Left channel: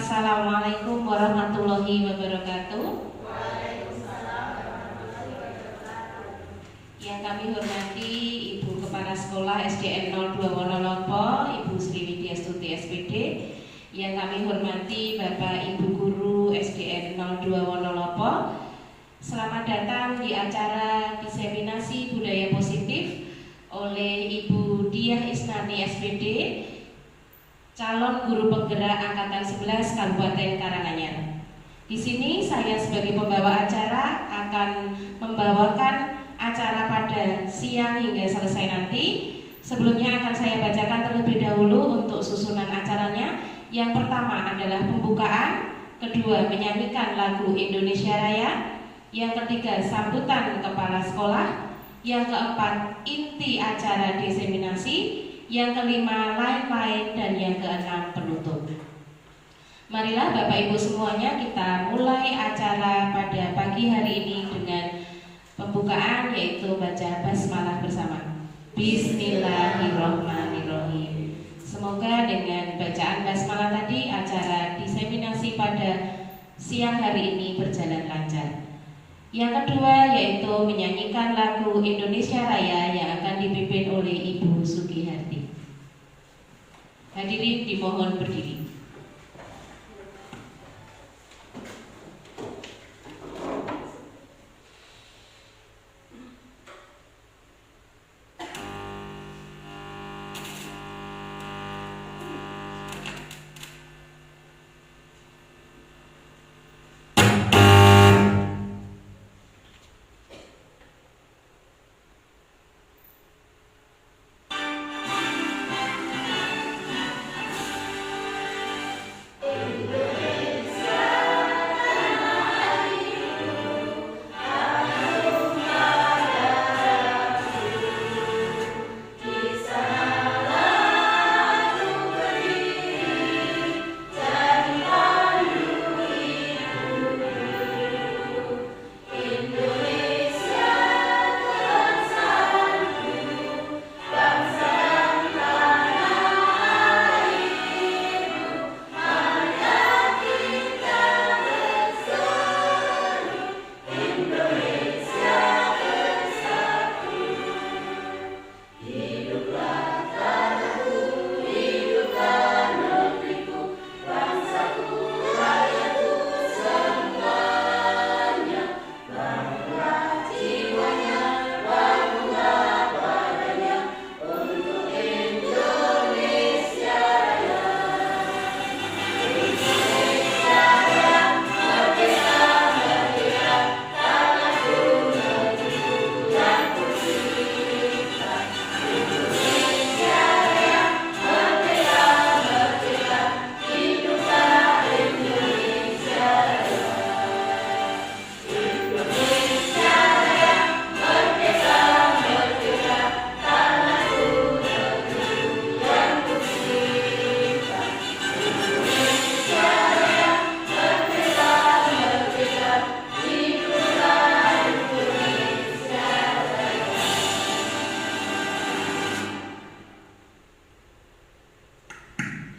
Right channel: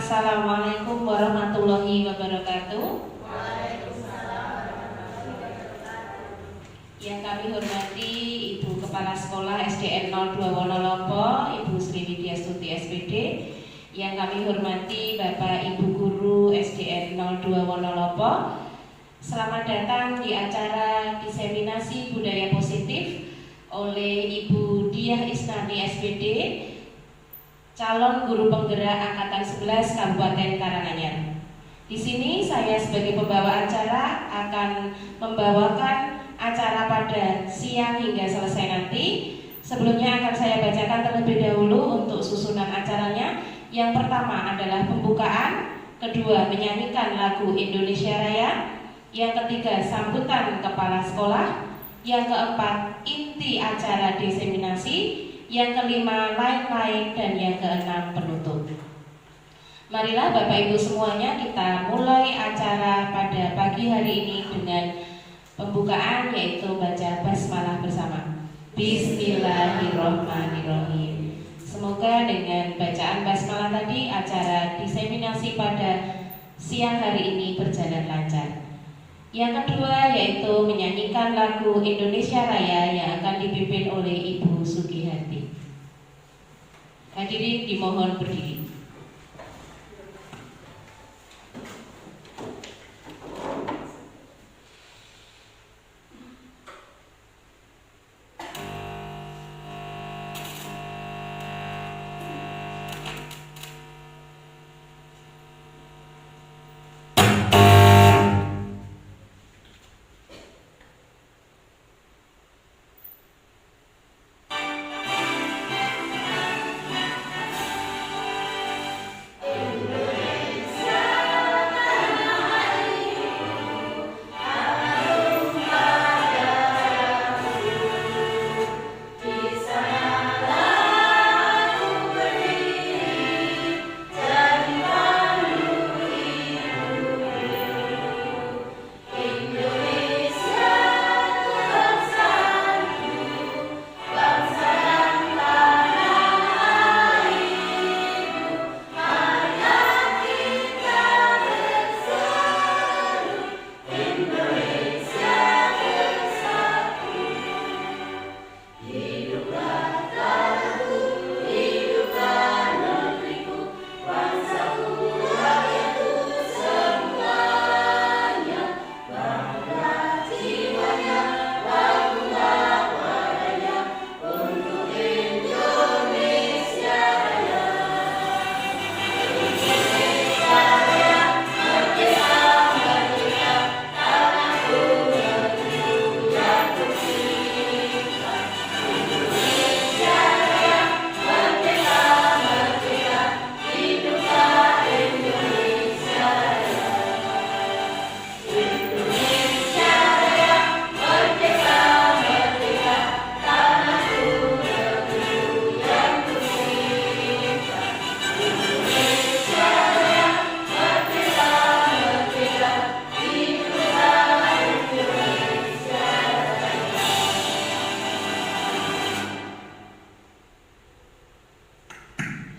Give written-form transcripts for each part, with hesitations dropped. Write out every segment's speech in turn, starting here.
Assalamualaikum warahmatullahi wabarakatuh. Yang kami hormati Ibu Kepala Sekolah SDN 02 Wonolopo, Ibu Sri Widyastuti SPD. Yang kami hormati Bapak Ibu Guru SDN 02 Wonolopo. Selamat datang di acara diseminasi budaya positif oleh Ibu Diah Isnani SPD, calon guru penggerak angkatan 11 Kabupaten Karanganyar. Di sini saya sebagai pembawa acara akan membawakan acara pada siang hingga selesai nanti. Sebelumnya akan saya bacakan terlebih dahulu untuk susunan acaranya. Yang pertama adalah pembukaan, kedua menyanyikan lagu Indonesia Raya, yang ketiga sambutan kepala sekolah, yang keempat inti acara diseminasi, yang kelima lain-lain, dan yang keenam penutup. Marilah Bapak Ibu semuanya kita mulai acara pada pagi hari ini dengan pembukaan, yaitu baca basmalah bersama. Bismillahirrohmanirrohim. Semoga dengan bacaan basmalah tadi acara diseminasi pada siang hari ini berjalan lancar. Yang kedua yaitu menyanyikan lagu Indonesia Raya yang akan dipimpin oleh Ibu Sugihati. Hadirin dimohon berdiri.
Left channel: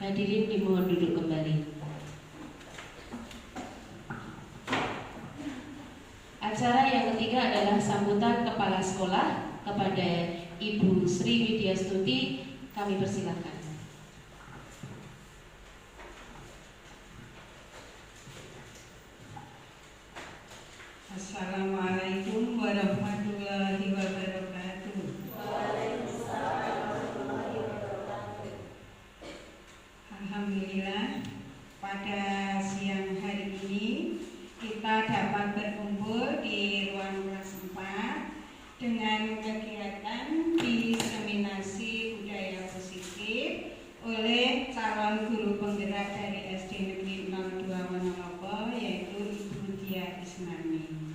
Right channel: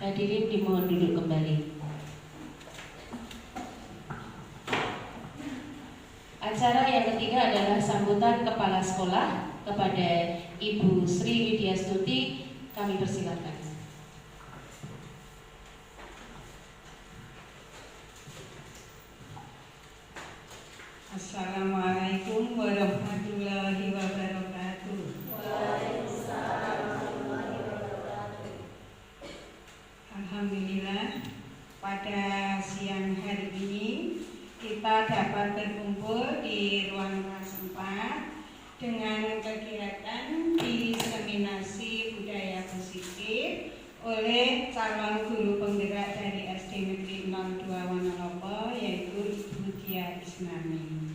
Hadirin dimohon duduk kembali. Acara yang ketiga adalah sambutan kepala sekolah kepada Ibu Sri Widyastuti. Kami persilahkan. Assalamualaikum warahmatullahi wabarakatuh. Alhamdulillah, pada siang hari ini kita dapat berkumpul di ruang kelas 4 dengan kegiatan diseminasi budaya positif oleh calon guru penggerak dari SD Negeri 02 Wonolopo, yaitu Ibu Diah Isnani.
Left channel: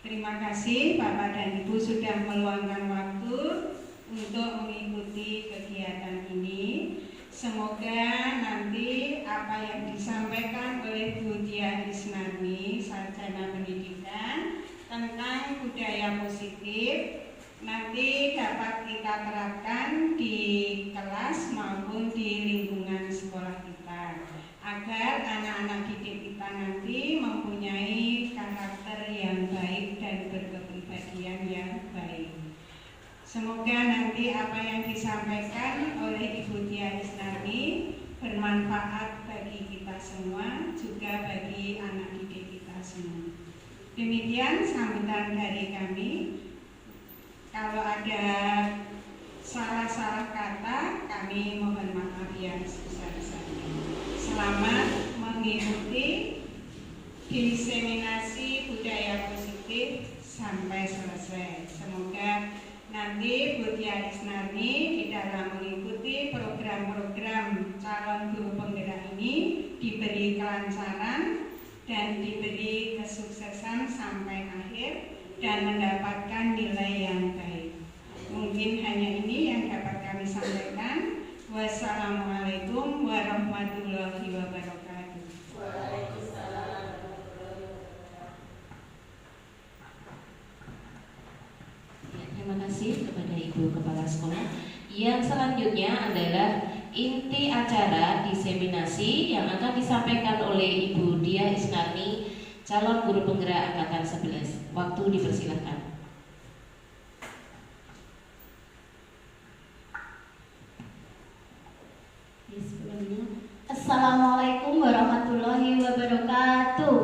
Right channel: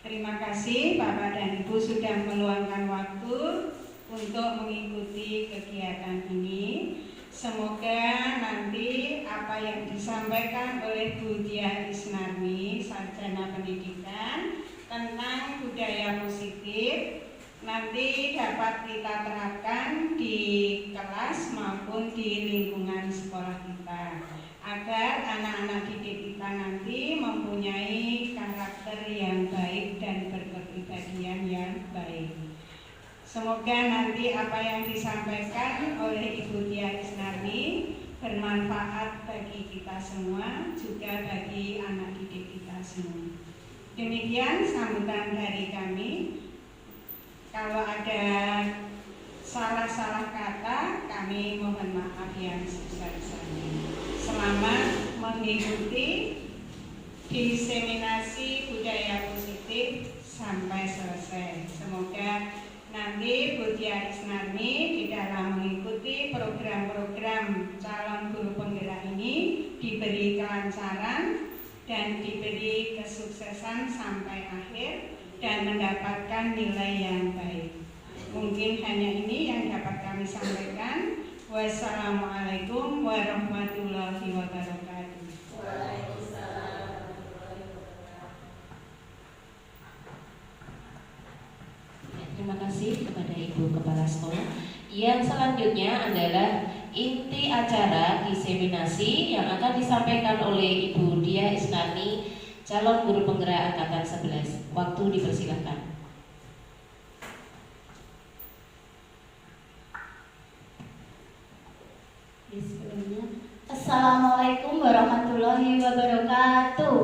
Terima kasih Bapak dan Ibu sudah meluangkan waktu untuk mengikuti kegiatan ini. Semoga nanti apa yang disampaikan oleh Bu Diah Isnani, sarjana pendidikan, tentang budaya positif nanti dapat kita terapkan di kelas maupun di lingkungan sekolah kita, agar anak-anak didik kita nanti mempunyai karakter yang baik dan berkepribadian yang baik. Semoga nanti apa yang disampaikan oleh Ibu Tia Isnarni bermanfaat bagi kita semua, juga bagi anak didik kita semua. Demikian sambutan dari kami. Kalau ada salah-salah kata, kami mohon maaf yang sebesar-besarnya. Selamat mengikuti diseminasi budaya positif sampai selesai. Semoga nanti Bu Tia Isnarni di dalam mengikuti program-program calon guru penggerak ini diberi kelancaran dan diberi kesuksesan sampai akhir dan mendapatkan nilai yang baik. Mungkin hanya ini yang dapat kami sampaikan. Wassalamualaikum warahmatullahi wabarakatuh. Terima kasih kepada Ibu Kepala Sekolah. Yang selanjutnya adalah inti acara diseminasi yang akan disampaikan oleh Ibu Tia Isnarni, calon guru penggerak angkatan 11. Waktu dipersilakan. Assalamualaikum warahmatullahi wabarakatuh.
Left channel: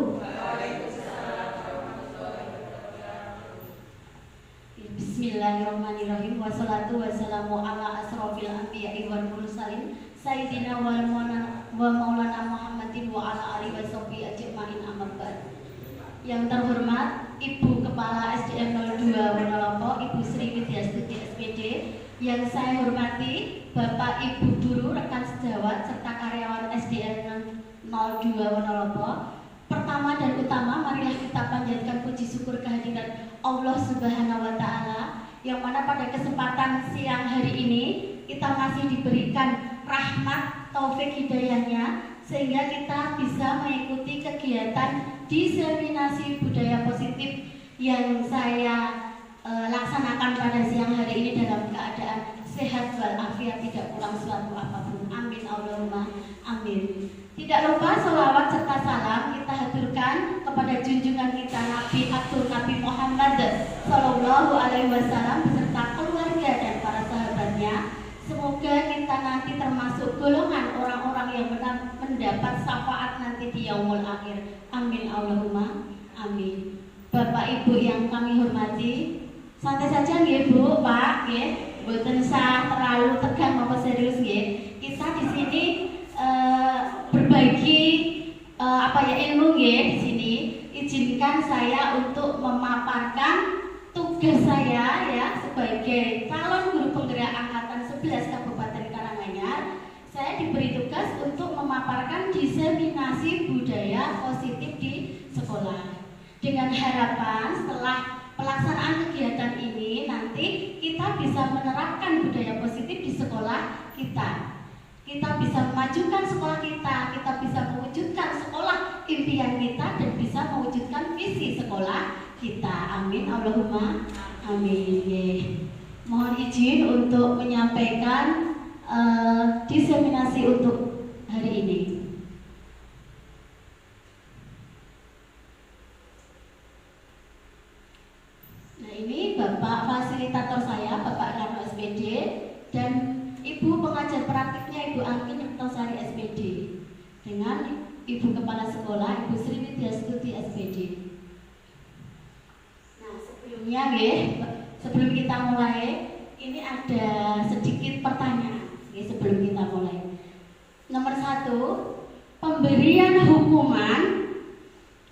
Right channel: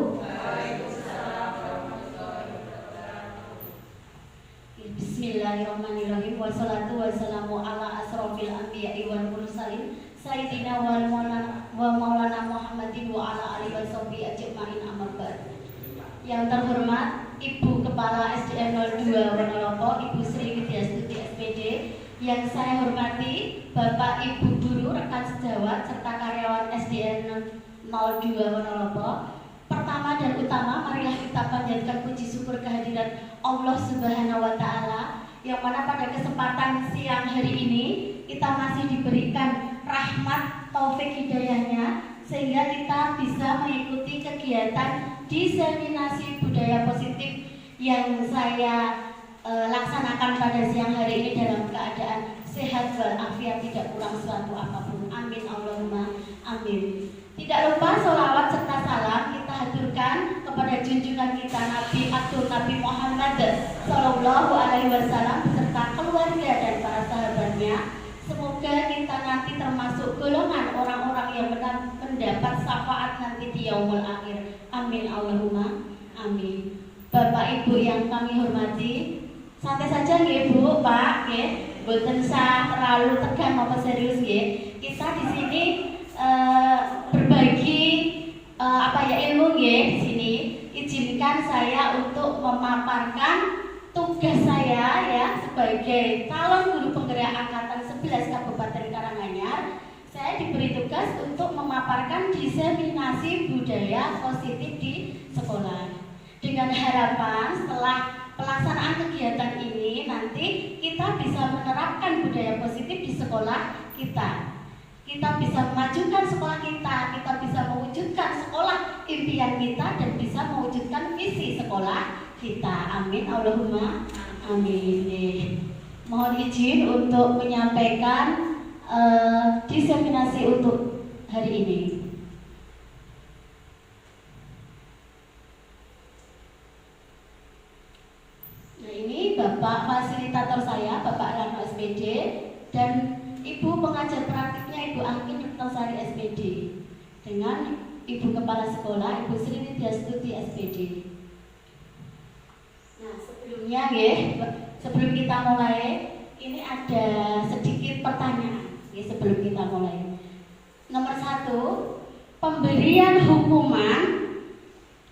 Bismillahirrahmanirrahim. Wassalatu wassalamu ala asrofil anbiya'i wal mursalin Sayyidina wal maulana Muhammadin wa ala alihi wa sahbihi ajma'in, amma ba'd. Yang terhormat Ibu Kepala SDN 02 Wonolompo, Ibu Sri Widyastuti SPD. Yang saya hormati Bapak Ibu guru, rekan sejawat, serta karyawan SDN 02 Wonolompo. Pertama dan utama, marilah kita panjatkan puji syukur kehadiran Allah Subhanahu wa Ta'ala, yang mana pada kesempatan siang hari ini kita masih diberikan rahmat taufik hidayahnya, sehingga kita bisa mengikuti kegiatan diseminasi budaya positif yang saya laksanakan pada siang hari ini dalam keadaan sehat walafiat, tidak kurang suatu apapun. Amin Allahumma amin. Tidak lupa sholawat serta salam kita haturkan kepada junjungan kita Nabi Abdul Nabi Muhammad Sallallahu Alaihi Wasallam beserta keluarga dan para sahabatnya. Semoga kita nanti termasuk golongan orang-orang yang mendapat syafaat nanti di yaumul akhir. Amin Allahumma amin. Bapak Ibu yang kami hormati, santai saja nggih Bu, Pak, nggih. Mboten usah terlalu tegang apa serius nggih. Kita di sini berbagi ilmu nggih di sini. Izinkan saya untuk memaparkan tugas saya ya sebagai calon guru penggerak angkatan 11 Kabupaten Karanganyar. Saya diberi tugas untuk memaparkan diseminasi budaya positif di sekolah. Dengan harapan setelah pelaksanaan kegiatan ini nanti kita bisa menerapkan budaya positif di sekolah kita. Kita bisa memajukan sekolah kita bisa mewujudkan sekolah impian kita, dan bisa mewujudkan visi sekolah kita. Amin Allahumma amin. Mohon izin untuk menyampaikan diseminasi untuk hari ini. Nah, ini Bapak fasilitator saya, Bapak Rano SPD, dan Ibu pengajar praktiknya Ibu Angki Nyiptosari SPD, dengan Ibu Kepala Sekolah Ibu Sri Widyastuti SPD. Nah, sebelum kita mulai, ini ada sedikit pertanyaan sebelum kita mulai. Nomor 1, pemberian hukuman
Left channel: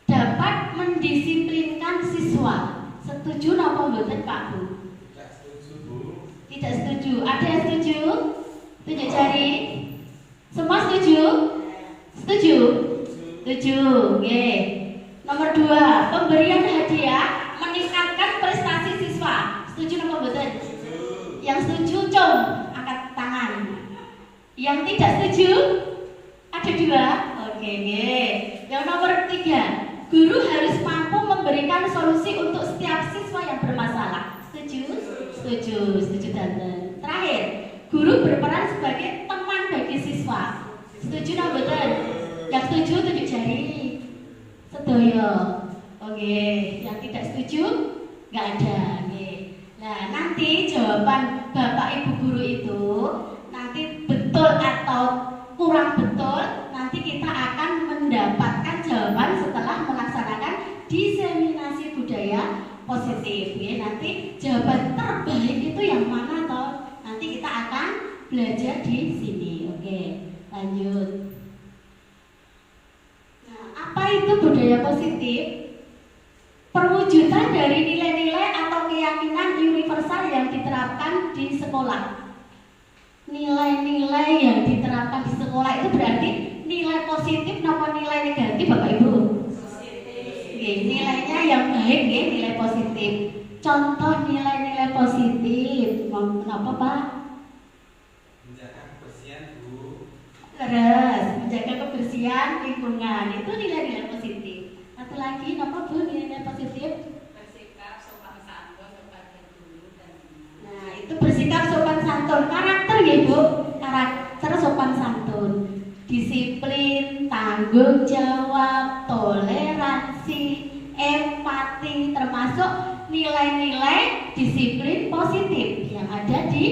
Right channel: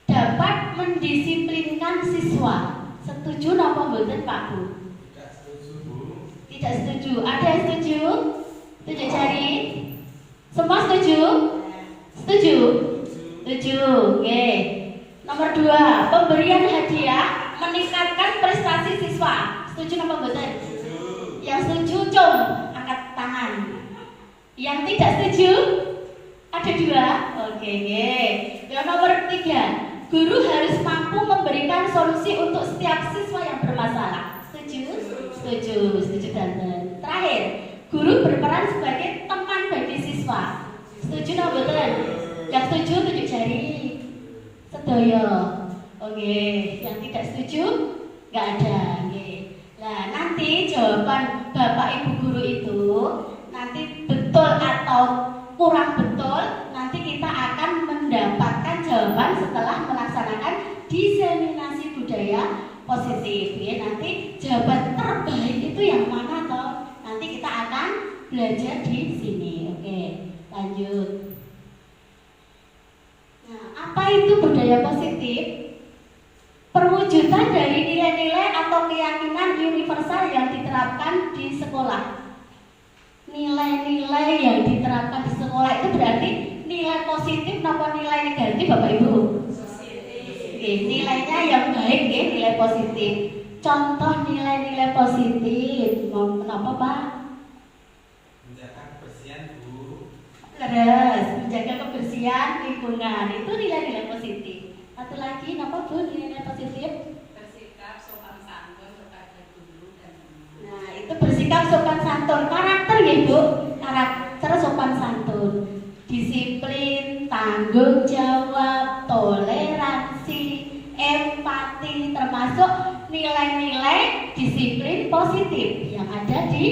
dapat mendisiplinkan siswa. Setuju apa mboten Pak Bu? Tidak setuju Bu. Tidak setuju. Ada yang setuju? Tunjuk jari. Semua setuju? Setuju? Setuju. Oke. Nomor 2, pemberian hadiah meningkatkan prestasi siswa. Setuju apa mboten? Setuju. Yang setuju cung angkat tangan. Yang tidak setuju? Ada 2. Oke. Yang nomor 3, guru harus mampu memberikan solusi untuk setiap siswa yang bermasalah. Setuju? Setuju. Setuju Tante. Terakhir, guru berperan sebagai teman bagi siswa. Setuju apa betul? Yang ya. Oke, yang tidak setuju nggak ada. Oke. Nah, nanti jawaban Bapak Ibu guru itu nanti betul atau kurang betul, nanti kita akan mendapatkan jawaban setelah melaksanakan diseminasi budaya positif. Ya, nanti jawaban terbaik itu yang mana toh? Nanti kita akan belajar di sini. Oke, lanjut. Nah, apa itu budaya positif? Perwujudan dari nilai-nilai atau keyakinan universal yang diterapkan di sekolah. Nilai-nilai yang diterapkan di sekolah itu berarti nilai positif atau nilai negatif, Bapak Ibu? Oke, nilainya yang baik ya, nilai positif. Contoh nilai-nilai positif, mau kenapa Pak? Menjaga kebersihan, Bu. Terus menjaga kebersihan lingkungan itu nilai-nilai positif. Satu lagi, apa Bu nilai-nilai positif? Bersikap sopan santun kepada guru dan teman. Nah, itu bersikap sopan santun. Karakter ya Bu, karakter sopan santun. Disiplin, tanggung jawab, toleransi, empati, termasuk nilai-nilai disiplin positif yang ada di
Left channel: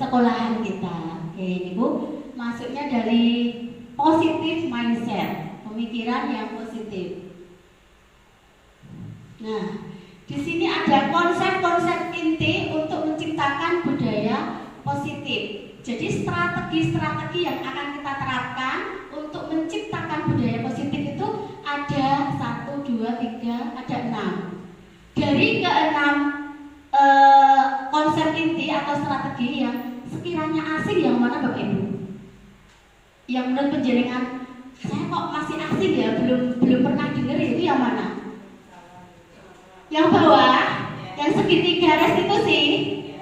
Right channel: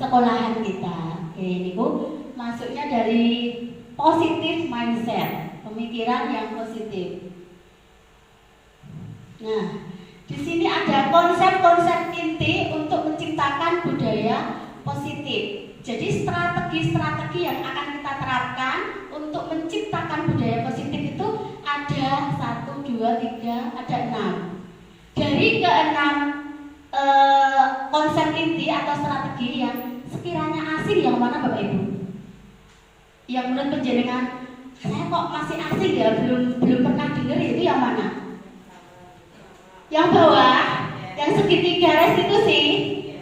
sekolahan kita. Oke, ini Bu, masuknya dari positive mindset, pemikiran yang positif. Nah, di sini ada konsep-konsep inti untuk menciptakan budaya positif. Jadi strategi-strategi yang akan kita terapkan untuk menciptakan budaya positif itu ada 1, 2, 3, ada 6. Dari ke-6 konsep inti atau strategi yang sekiranya asing yang mana Bapak Ibu? Yang menurut penjaringan saya kok masih asing ya, belum pernah dengar, itu yang mana? Yang bawah, yang segitiga restitusi,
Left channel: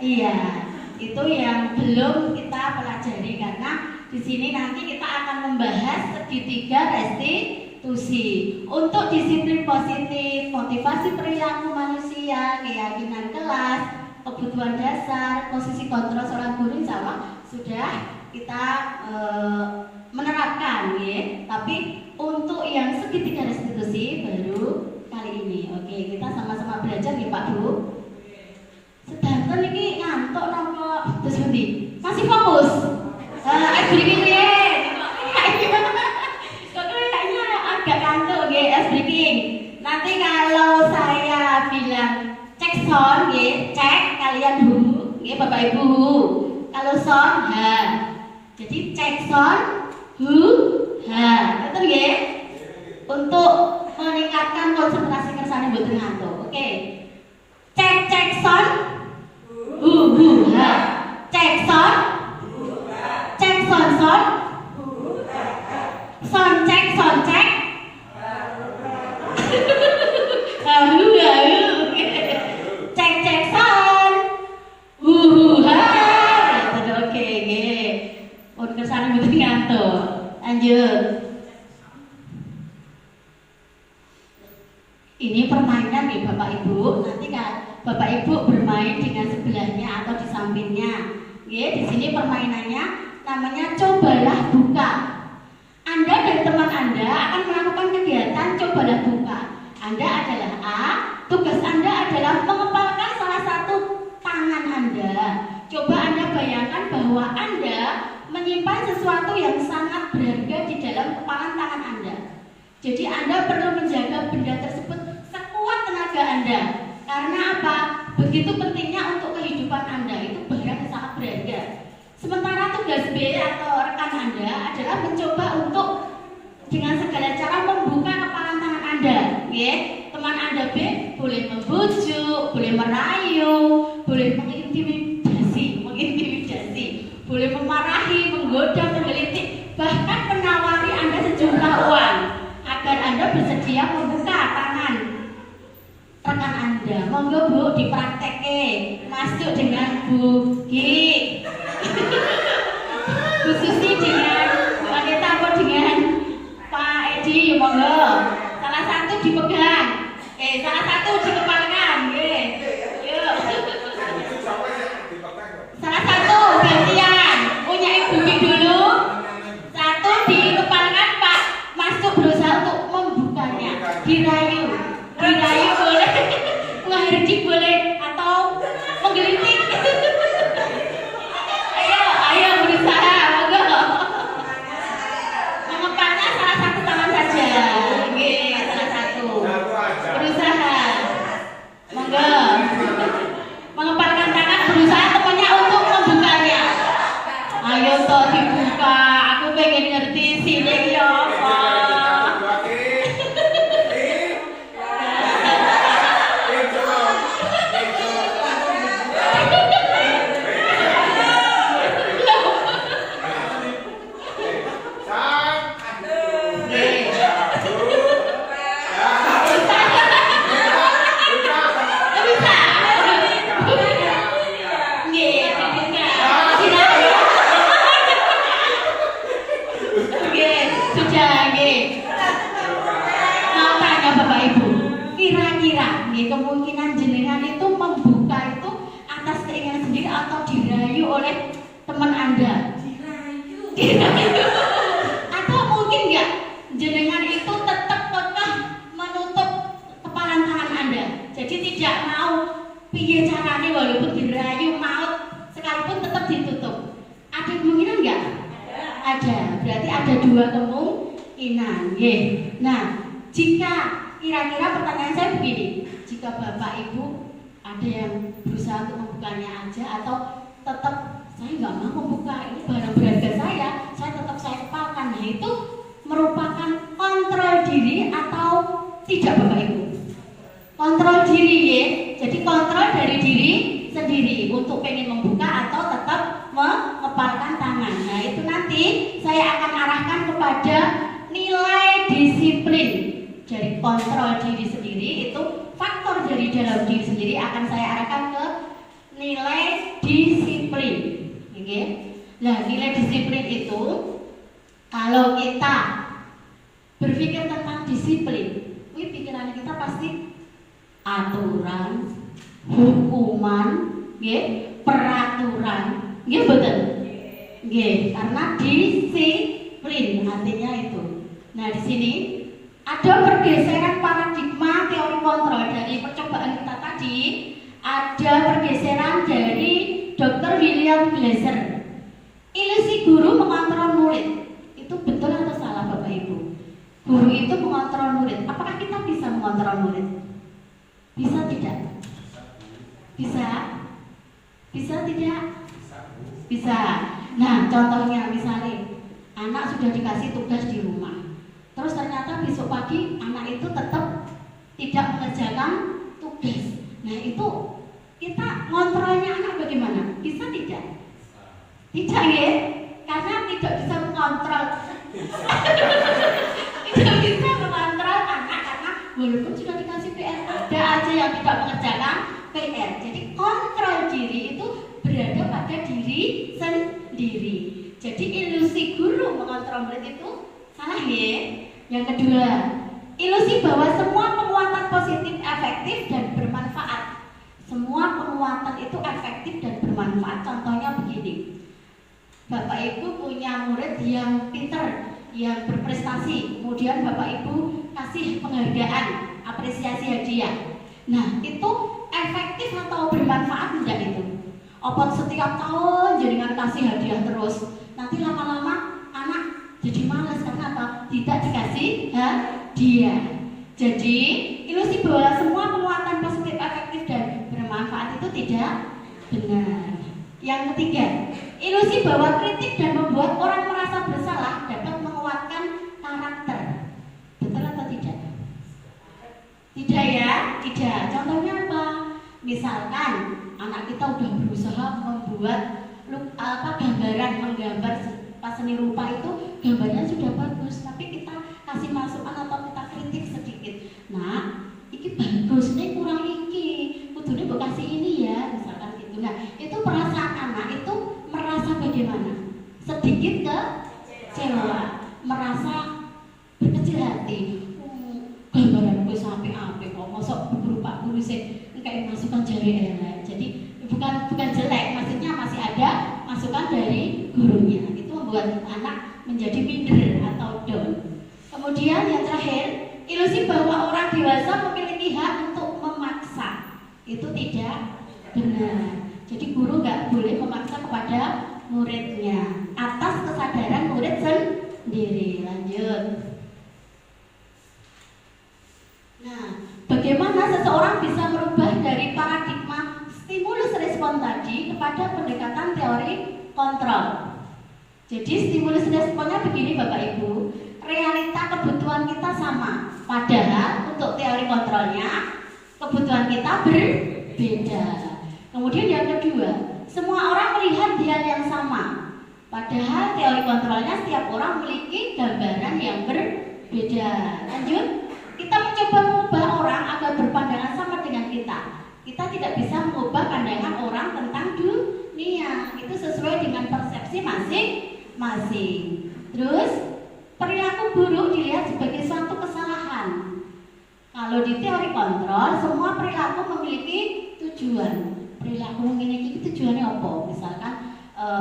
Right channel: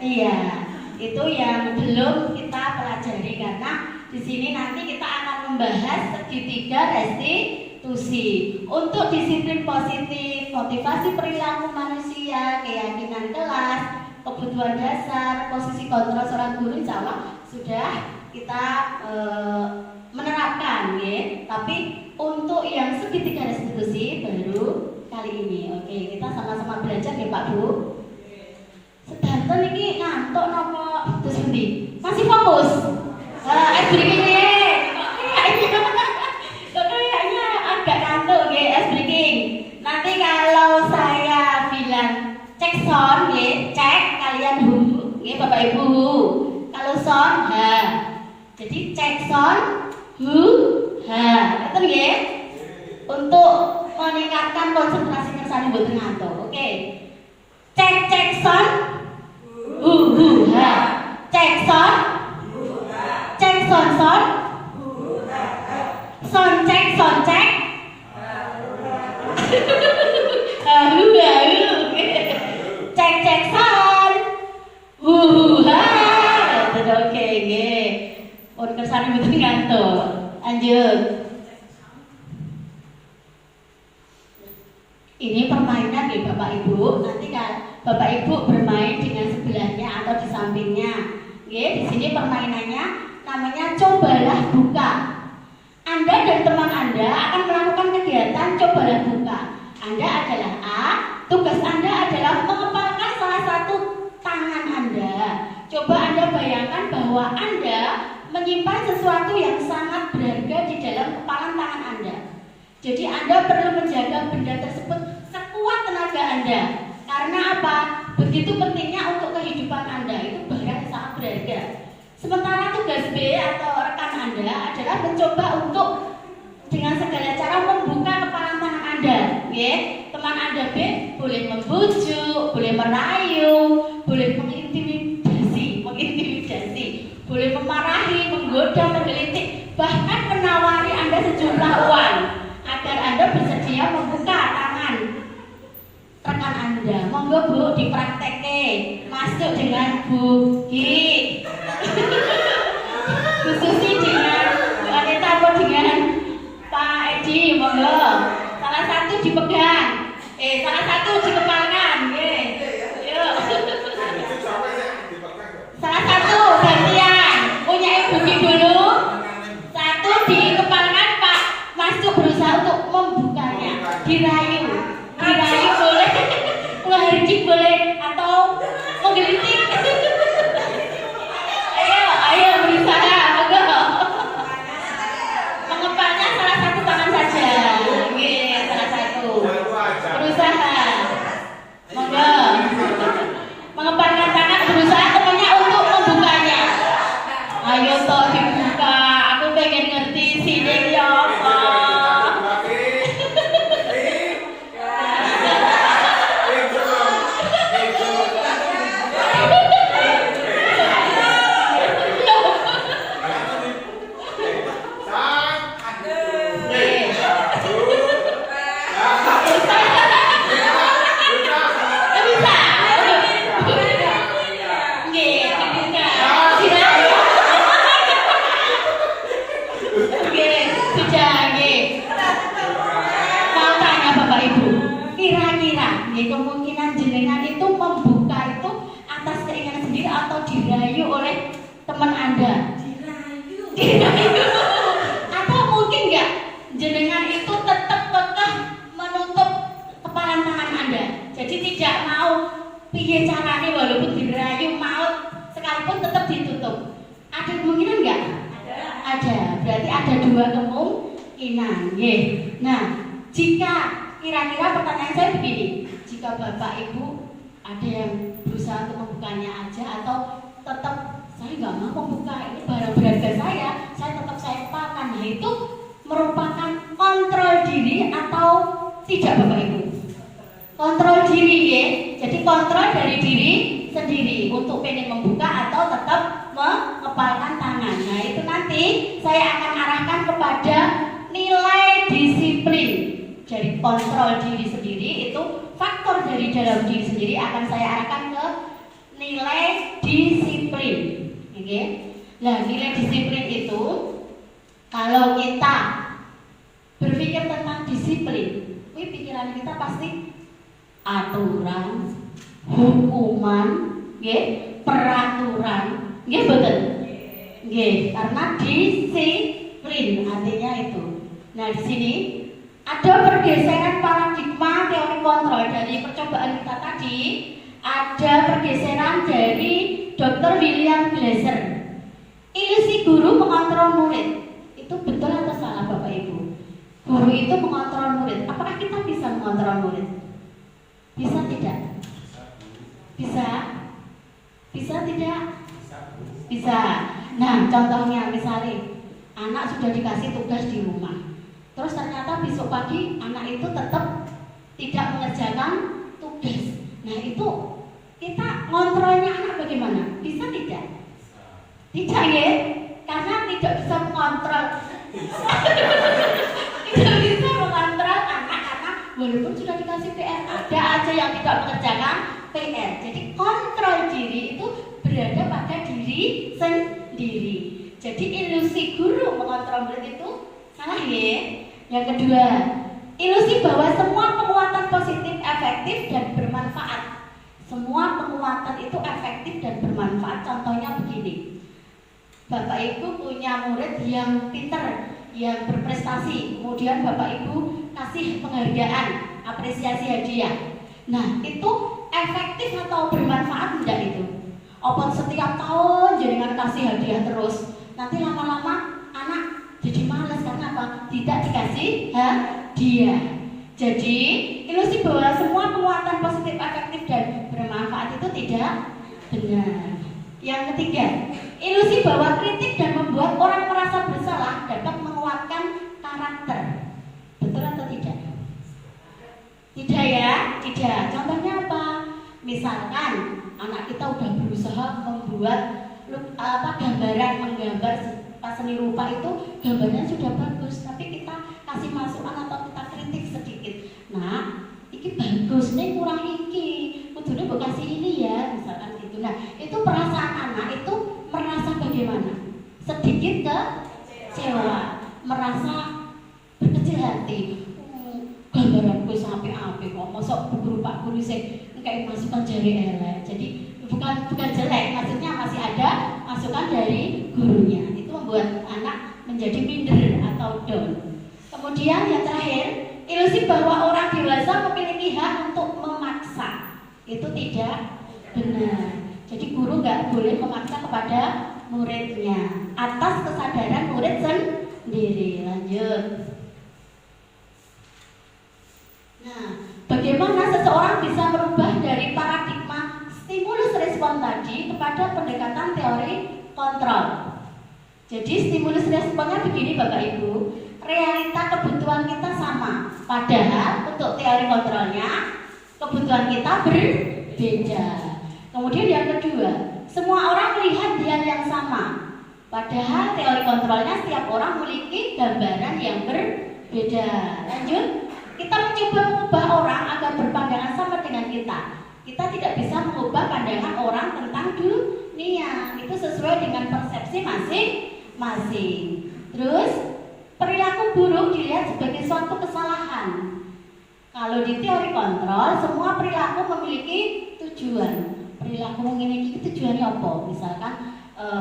iya, itu yang belum kita pelajari karena di sini nanti kita akan membahas segitiga restitusi. Untuk disiplin positif, motivasi perilaku manusia, keyakinan kelas, kebutuhan dasar, posisi kontrol seorang guru, insya Allah sudah kita menerapkan, ya. Tapi untuk yang segitiga restitusi baru kali ini. Oke, kita sama-sama belajar ya Pak Bu. Sedanten ini ngantuk nopo terus pundi? Masih fokus? Es breaking ya. Kayaknya agak ngantuk ya es breaking. Nanti kalau saya bilang cek sound ya, cek kalian hu, ya Bapak Ibu. Kalau sound ha. Jadi cek sound hu ha. Itu ya. Untuk meningkatkan konsentrasi kersane mboten ngantuk. Oke. Cek sound ha. Cek sound cek sound sound cek cek sound ha. Oke nggih. Pun kersane mboten ngantuk. Lanjut. Ini permainan nih Bapak Ibu. Nanti kan Bapak Ibu bermain dengan sebelahnya atau di sampingnya. Ya, di sini permainannya namanya cobalah buka. Anda dan teman Anda akan melakukan kegiatan cobalah buka. Anda adalah A, tugas Anda adalah mengepalkan salah satu tangan Anda. Coba Anda bayangkan bahwa Anda menyimpan sesuatu yang sangat berharga di dalam kepalan tangan Anda. Jadi Anda perlu menjaga benda tersebut sekuat tenaga Anda. Karena apa? Begitu pentingnya untuk kehidupan Anda, itu barang yang sangat berharga. Sementara tugas B atau rekan Anda adalah mencoba untuk dengan segala cara membuka kepalan tangan Anda. Ya, teman Anda B boleh membujuk, boleh merayu, boleh mengintimidasi, boleh memarahi, menggoda, menggelitik, bahkan menawari Anda sejumlah uang agar Anda bersedia membuka tangan rekan Anda. Monggo Bu dipraktekke. Masuk dengan Bu Gi. Bu Susi dengan Pak Kita dengan Pak Edi, monggo. Salah satu dipegang. Salah satu dikepalkan, nggih. Yuk. Salah satu gantian. Punya Ibu Gi dulu. Satu dikepalkan, Pak. Masuk berusaha untuk membukanya. Diraih kemungkinan jenengan itu membuka itu atas keinginan sendiri atau dirayu oleh teman Anda? Dirayu. Atau mungkin nggak jenengan itu tetap kekeh menutup kepalan tangan Anda. Jadi tidak mau piye caranya walaupun dirayu maut sekalipun tetap ditutup. Ada kemungkinan nggak? Ada. Berarti ada dua kemungkinan. Nah, jika kira-kira pertanyaan saya begini, jika Bapak Ibu ada yang berusaha untuk membukanya aja atau tetap saya nggak mau membuka, ini barang berharga saya tetap saya kepalkan. Nah, itu merupakan kontrol diri atau tidak Bapak Ibu? Kontrol diri ya. Jadi kontrol dari diri sendiri untuk pengen membuka atau tetap mengepalkan tangan. Nah, itu nanti saya akan arahkan kepada nilai disiplin. Dari kontrol diri sendiri itu faktor dari dalam diri sendiri akan saya arahkan ke nilai disiplin. Oke. Nah, nilai disiplin itu kalau kita berpikir tentang disiplin, pikiran kita pasti aturan, hukuman, peraturan, betul. Karena disiplin artinya itu. Nah, di sini ada pergeseran paradigma teori kontrol dari percobaan kita tadi. Ada pergeseran dari Dr. William Glasser. Ilusi guru mengontrol murid. Itu betul atau salah Bapak Ibu? Guru itu mengontrol murid. Apakah kita bisa mengontrol murid? Bisa tidak? Bisa? Bisa tidak? Bisa. Nah, contohnya misalnya anak sudah dikasih tugas di rumah. Terus ternyata besok pagi anak itu tetap tidak mengerjakan tugas. Nah, itu kita ngontrolnya anak bagaimana? Bisa tidak? Tidak ya? Karena tidak bisa mengontrol. Tidak bisa mengontrol anak karena walaupun sudah dikasih PR, ada aja yang tidak mengerjakan PR. Jadi kontrol diri itu berada pada diri sendiri. Jadi ilusi guru mengontrol murid itu salah ya. Yang kedua, ilusi bahwa semua penguatan positif efektif dan bermanfaat. Semua penguatan itu efektif dan bermanfaat. Contohnya begini, Bapak Ibu punya murid yang pintar, yang berprestasi, kemudian Bapak Ibu kasih penghargaan, apresiasi hadiah. Nah, itu efektif atau bermanfaat tidak itu? Apa setiap tahun jenengan kasih hadiah terus, nanti lama-lama anak jadi malas karena apa? Tidak dikasih hadiah. Jadi ilusi bahwa semua penguatan positif, efektif dan bermanfaat itu tidak benar. Yang ketiga, ilusi bahwa kritik dan membuat orang merasa bersalah dapat menguatkan karakter. Betul atau tidak? Tidak ya? Tidak. Contohnya apa? Misalkan anak kita udah berusaha membuat gambaran, menggambar pas seni rupa itu gambarnya sudah bagus, tapi kita kasih masukan atau kita kritik sedikit. Nah, ini bagus nih, kurang iki, kudune mbok kasih ini ya, misalkan gitu. Nah, itu perasaan anak itu merasa bagaimana? Sedikit kecewa, merasa berkecil hati. Gambaranku sampai apa kok, mosok guru Pak guru sih kayak masukan jari elek. Jadi bukan jelek, maksudnya masih ada masukan dari gurunya. Membuat anak menjadi minder atau down. Kemudian yang terakhir, ilusi bahwa orang dewasa memiliki hak untuk memaksa. Itu tidak benar. Jadi guru nggak boleh memaksa kepada muridnya atas kesadaran murid sendiri. Lanjut. Nah, bagaimana seseorang bisa merubah dari paradigma stimulus respon tadi kepada pendekatan teori kontrol? Jadi stimulus responnya begini Bapak Ibu, realita kebutuhan kita sama, padahal untuk teori kontrolnya kebutuhan kita berbeda. Kemudian yang kedua, semua orang melihat dia yang sama, padahal teori kontrolnya setiap orang memiliki gambaran yang berbeda. Lanjut, kita mencoba mengubah orang agar berpandangan sama dengan kita. Kita tidak bisa mengubah pandangan orang tentang dunia, itu sesuai dengan persepsi masing-masing. Terus perilaku buruk dilihat sebagai suatu kesalahan. Kalau di teori kontrol, semua perilaku memiliki tujuan. Perilaku memiliki tujuannya apa? Misalkan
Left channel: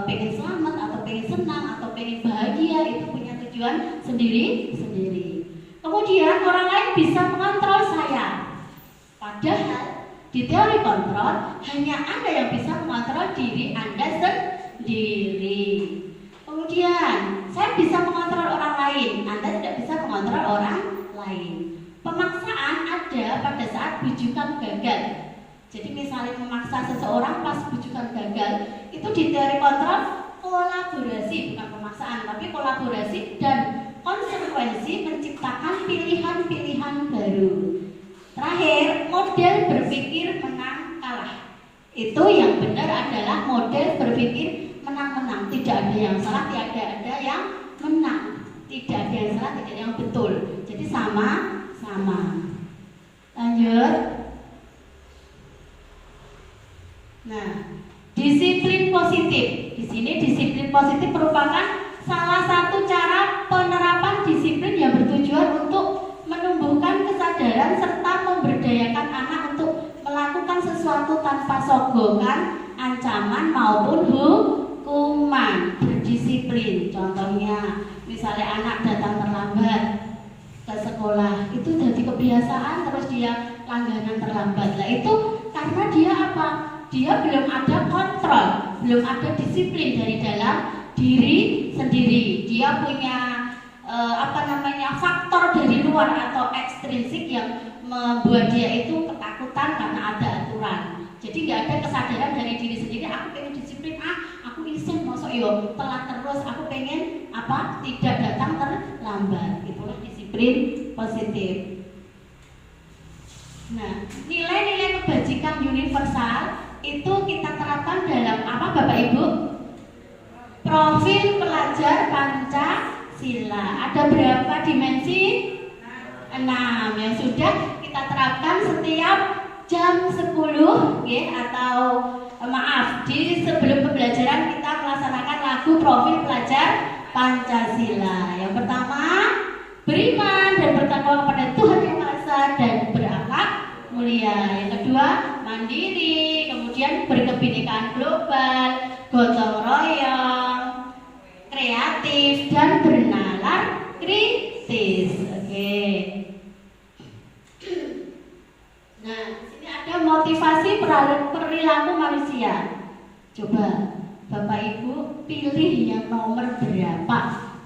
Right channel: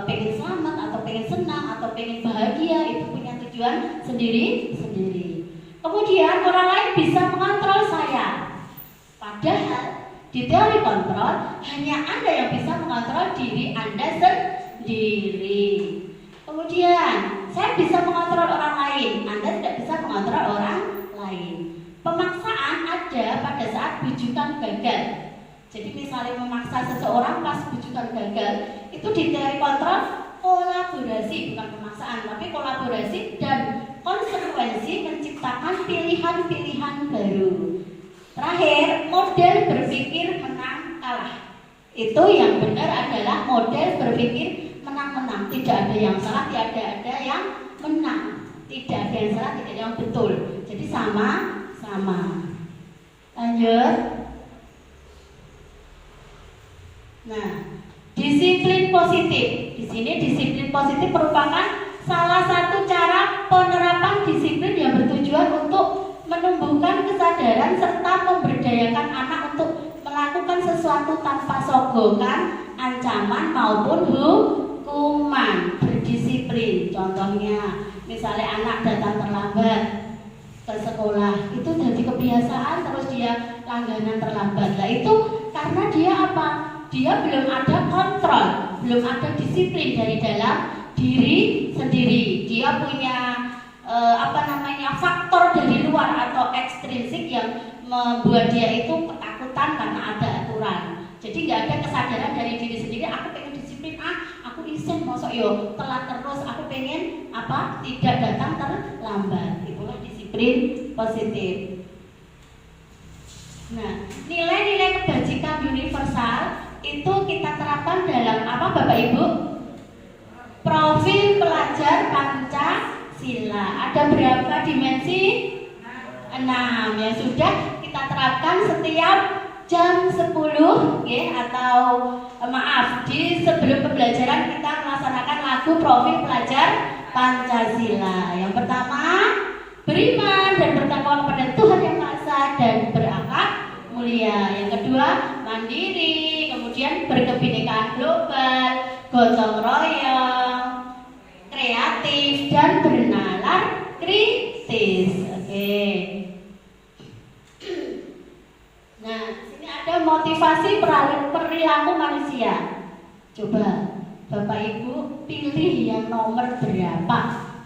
pengen selamat atau pengen senang atau pengen bahagia, itu punya tujuan sendiri-sendiri. Kemudian orang lain bisa mengontrol saya. Padahal di teori kontrol hanya Anda yang bisa mengontrol diri Anda sendiri. Kemudian saya bisa mengontrol orang lain, Anda tidak bisa mengontrol orang lain. Pemaksaan ada pada saat bujukan gagal. Jadi misalnya memaksa seseorang pas bujukan gagal, itu di teori kontrol kolaborasi, bukan pemaksaan, tapi kolaborasi dan konsekuensi menciptakan pilihan-pilihan baru. Terakhir, model berpikir menang kalah. Itu yang benar adalah model berpikir menang-menang. Tidak ada yang salah, tidak ada yang menang. Tidak ada yang salah, tidak ada yang betul. Jadi sama-sama. Lanjut. Nah, disiplin positif. Di sini disiplin positif merupakan salah satu cara penerapan disiplin yang bertujuan untuk menumbuhkan kesadaran serta memberdayakan anak untuk melakukan sesuatu tanpa sogokan, ancaman maupun hukuman. Berdisiplin. Contohnya, misalnya anak datang terlambat ke sekolah, itu jadi kebiasaan terus dia langganan terlambat. Nah itu karena dia apa? Dia belum ada kontrol, belum ada disiplin dari dalam diri sendiri. Dia punya faktor dari luar atau ekstrinsik yang membuat dia itu ketakutan karena ada aturan. Jadi nggak ada kesadaran dari diri sendiri. Aku pengen disiplin, aku isen masuk yo telat terus. Aku pengen tidak datang terlambat. Itulah disiplin positif. Nah, nilai-nilai kebajikan universal itu kita terapkan dalam apa Bapak Ibu? Profil pelajar Pancasila. Ada berapa dimensi? 6 yang sudah kita terapkan setiap jam 10 atau di sebelum pembelajaran kita melaksanakan lagu profil pelajar Pancasila. Yang pertama, beriman dan bertakwa kepada Tuhan Yang Maha Esa dan berakhlak mulia. Yang kedua, mandiri, kemudian berkebinekaan global, gotong royong, kreatif dan bernalar kritis. Oke. Nah, sini ada motivasi perilaku manusia. Coba Bapak Ibu pilih yang nomor berapa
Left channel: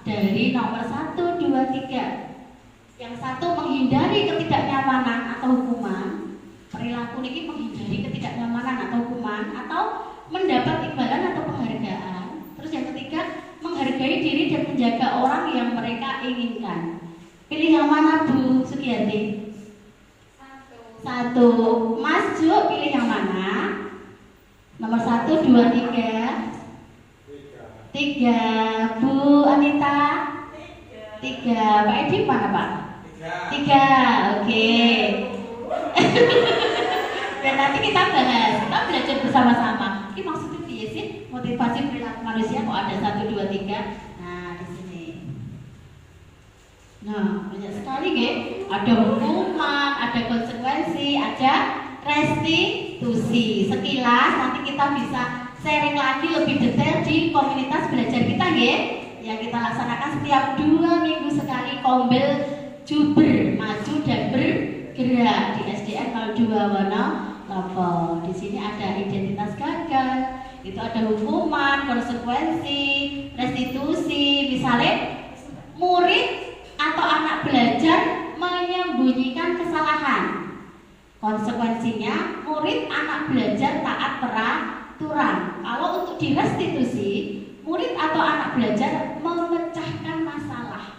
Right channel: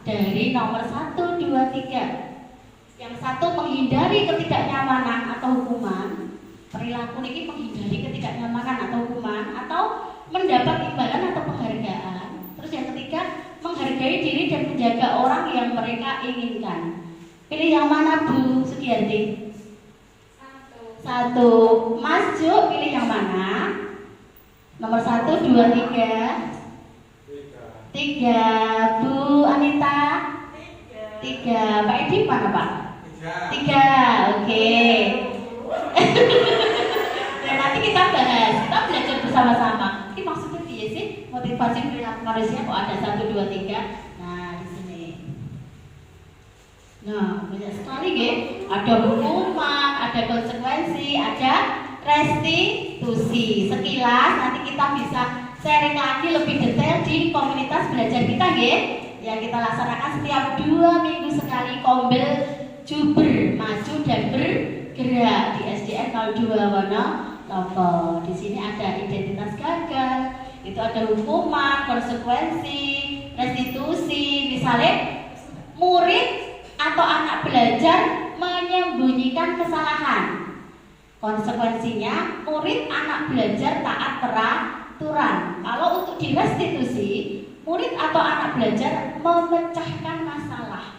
dari nomor 1, 2, 3. Yang satu menghindari ketidaknyamanan atau hukuman. Perilaku ini menghindari ketidaknyamanan atau hukuman atau mendapat imbalan atau penghargaan. Terus yang ketiga, menghargai diri dan menjaga orang yang mereka inginkan. Pilih yang mana Bu Sugianti? Satu. Mas Jo pilih yang mana? Nomor 1, 2, 3. 3. Bu Anita? 3. Pak Edi mana Pak? 3. Oke. Dan nanti kita bahas, kita belajar bersama-sama. Ini maksudnya apa sih? Motivasi perilaku manusia kok ada 1, 2, 3. Nah, di sini. Nah, banyak sekali ya. Ada hukuman, ada konsekuensi, ada restitusi. Sekilas nanti kita bisa sharing lagi lebih detail di komunitas belajar kita ya. Yang kita laksanakan setiap 2 minggu sekali, Kombel Juber Maju dan Bergerak di SDN 02 Wonolompo. Di sini ada identitas gagal, itu ada hukuman, konsekuensi, restitusi. Misalnya murid atau anak belajar menyembunyikan kesalahan, konsekuensinya murid anak belajar taat peraturan. Kalau untuk direstitusi, murid atau anak belajar memecahkan masalah.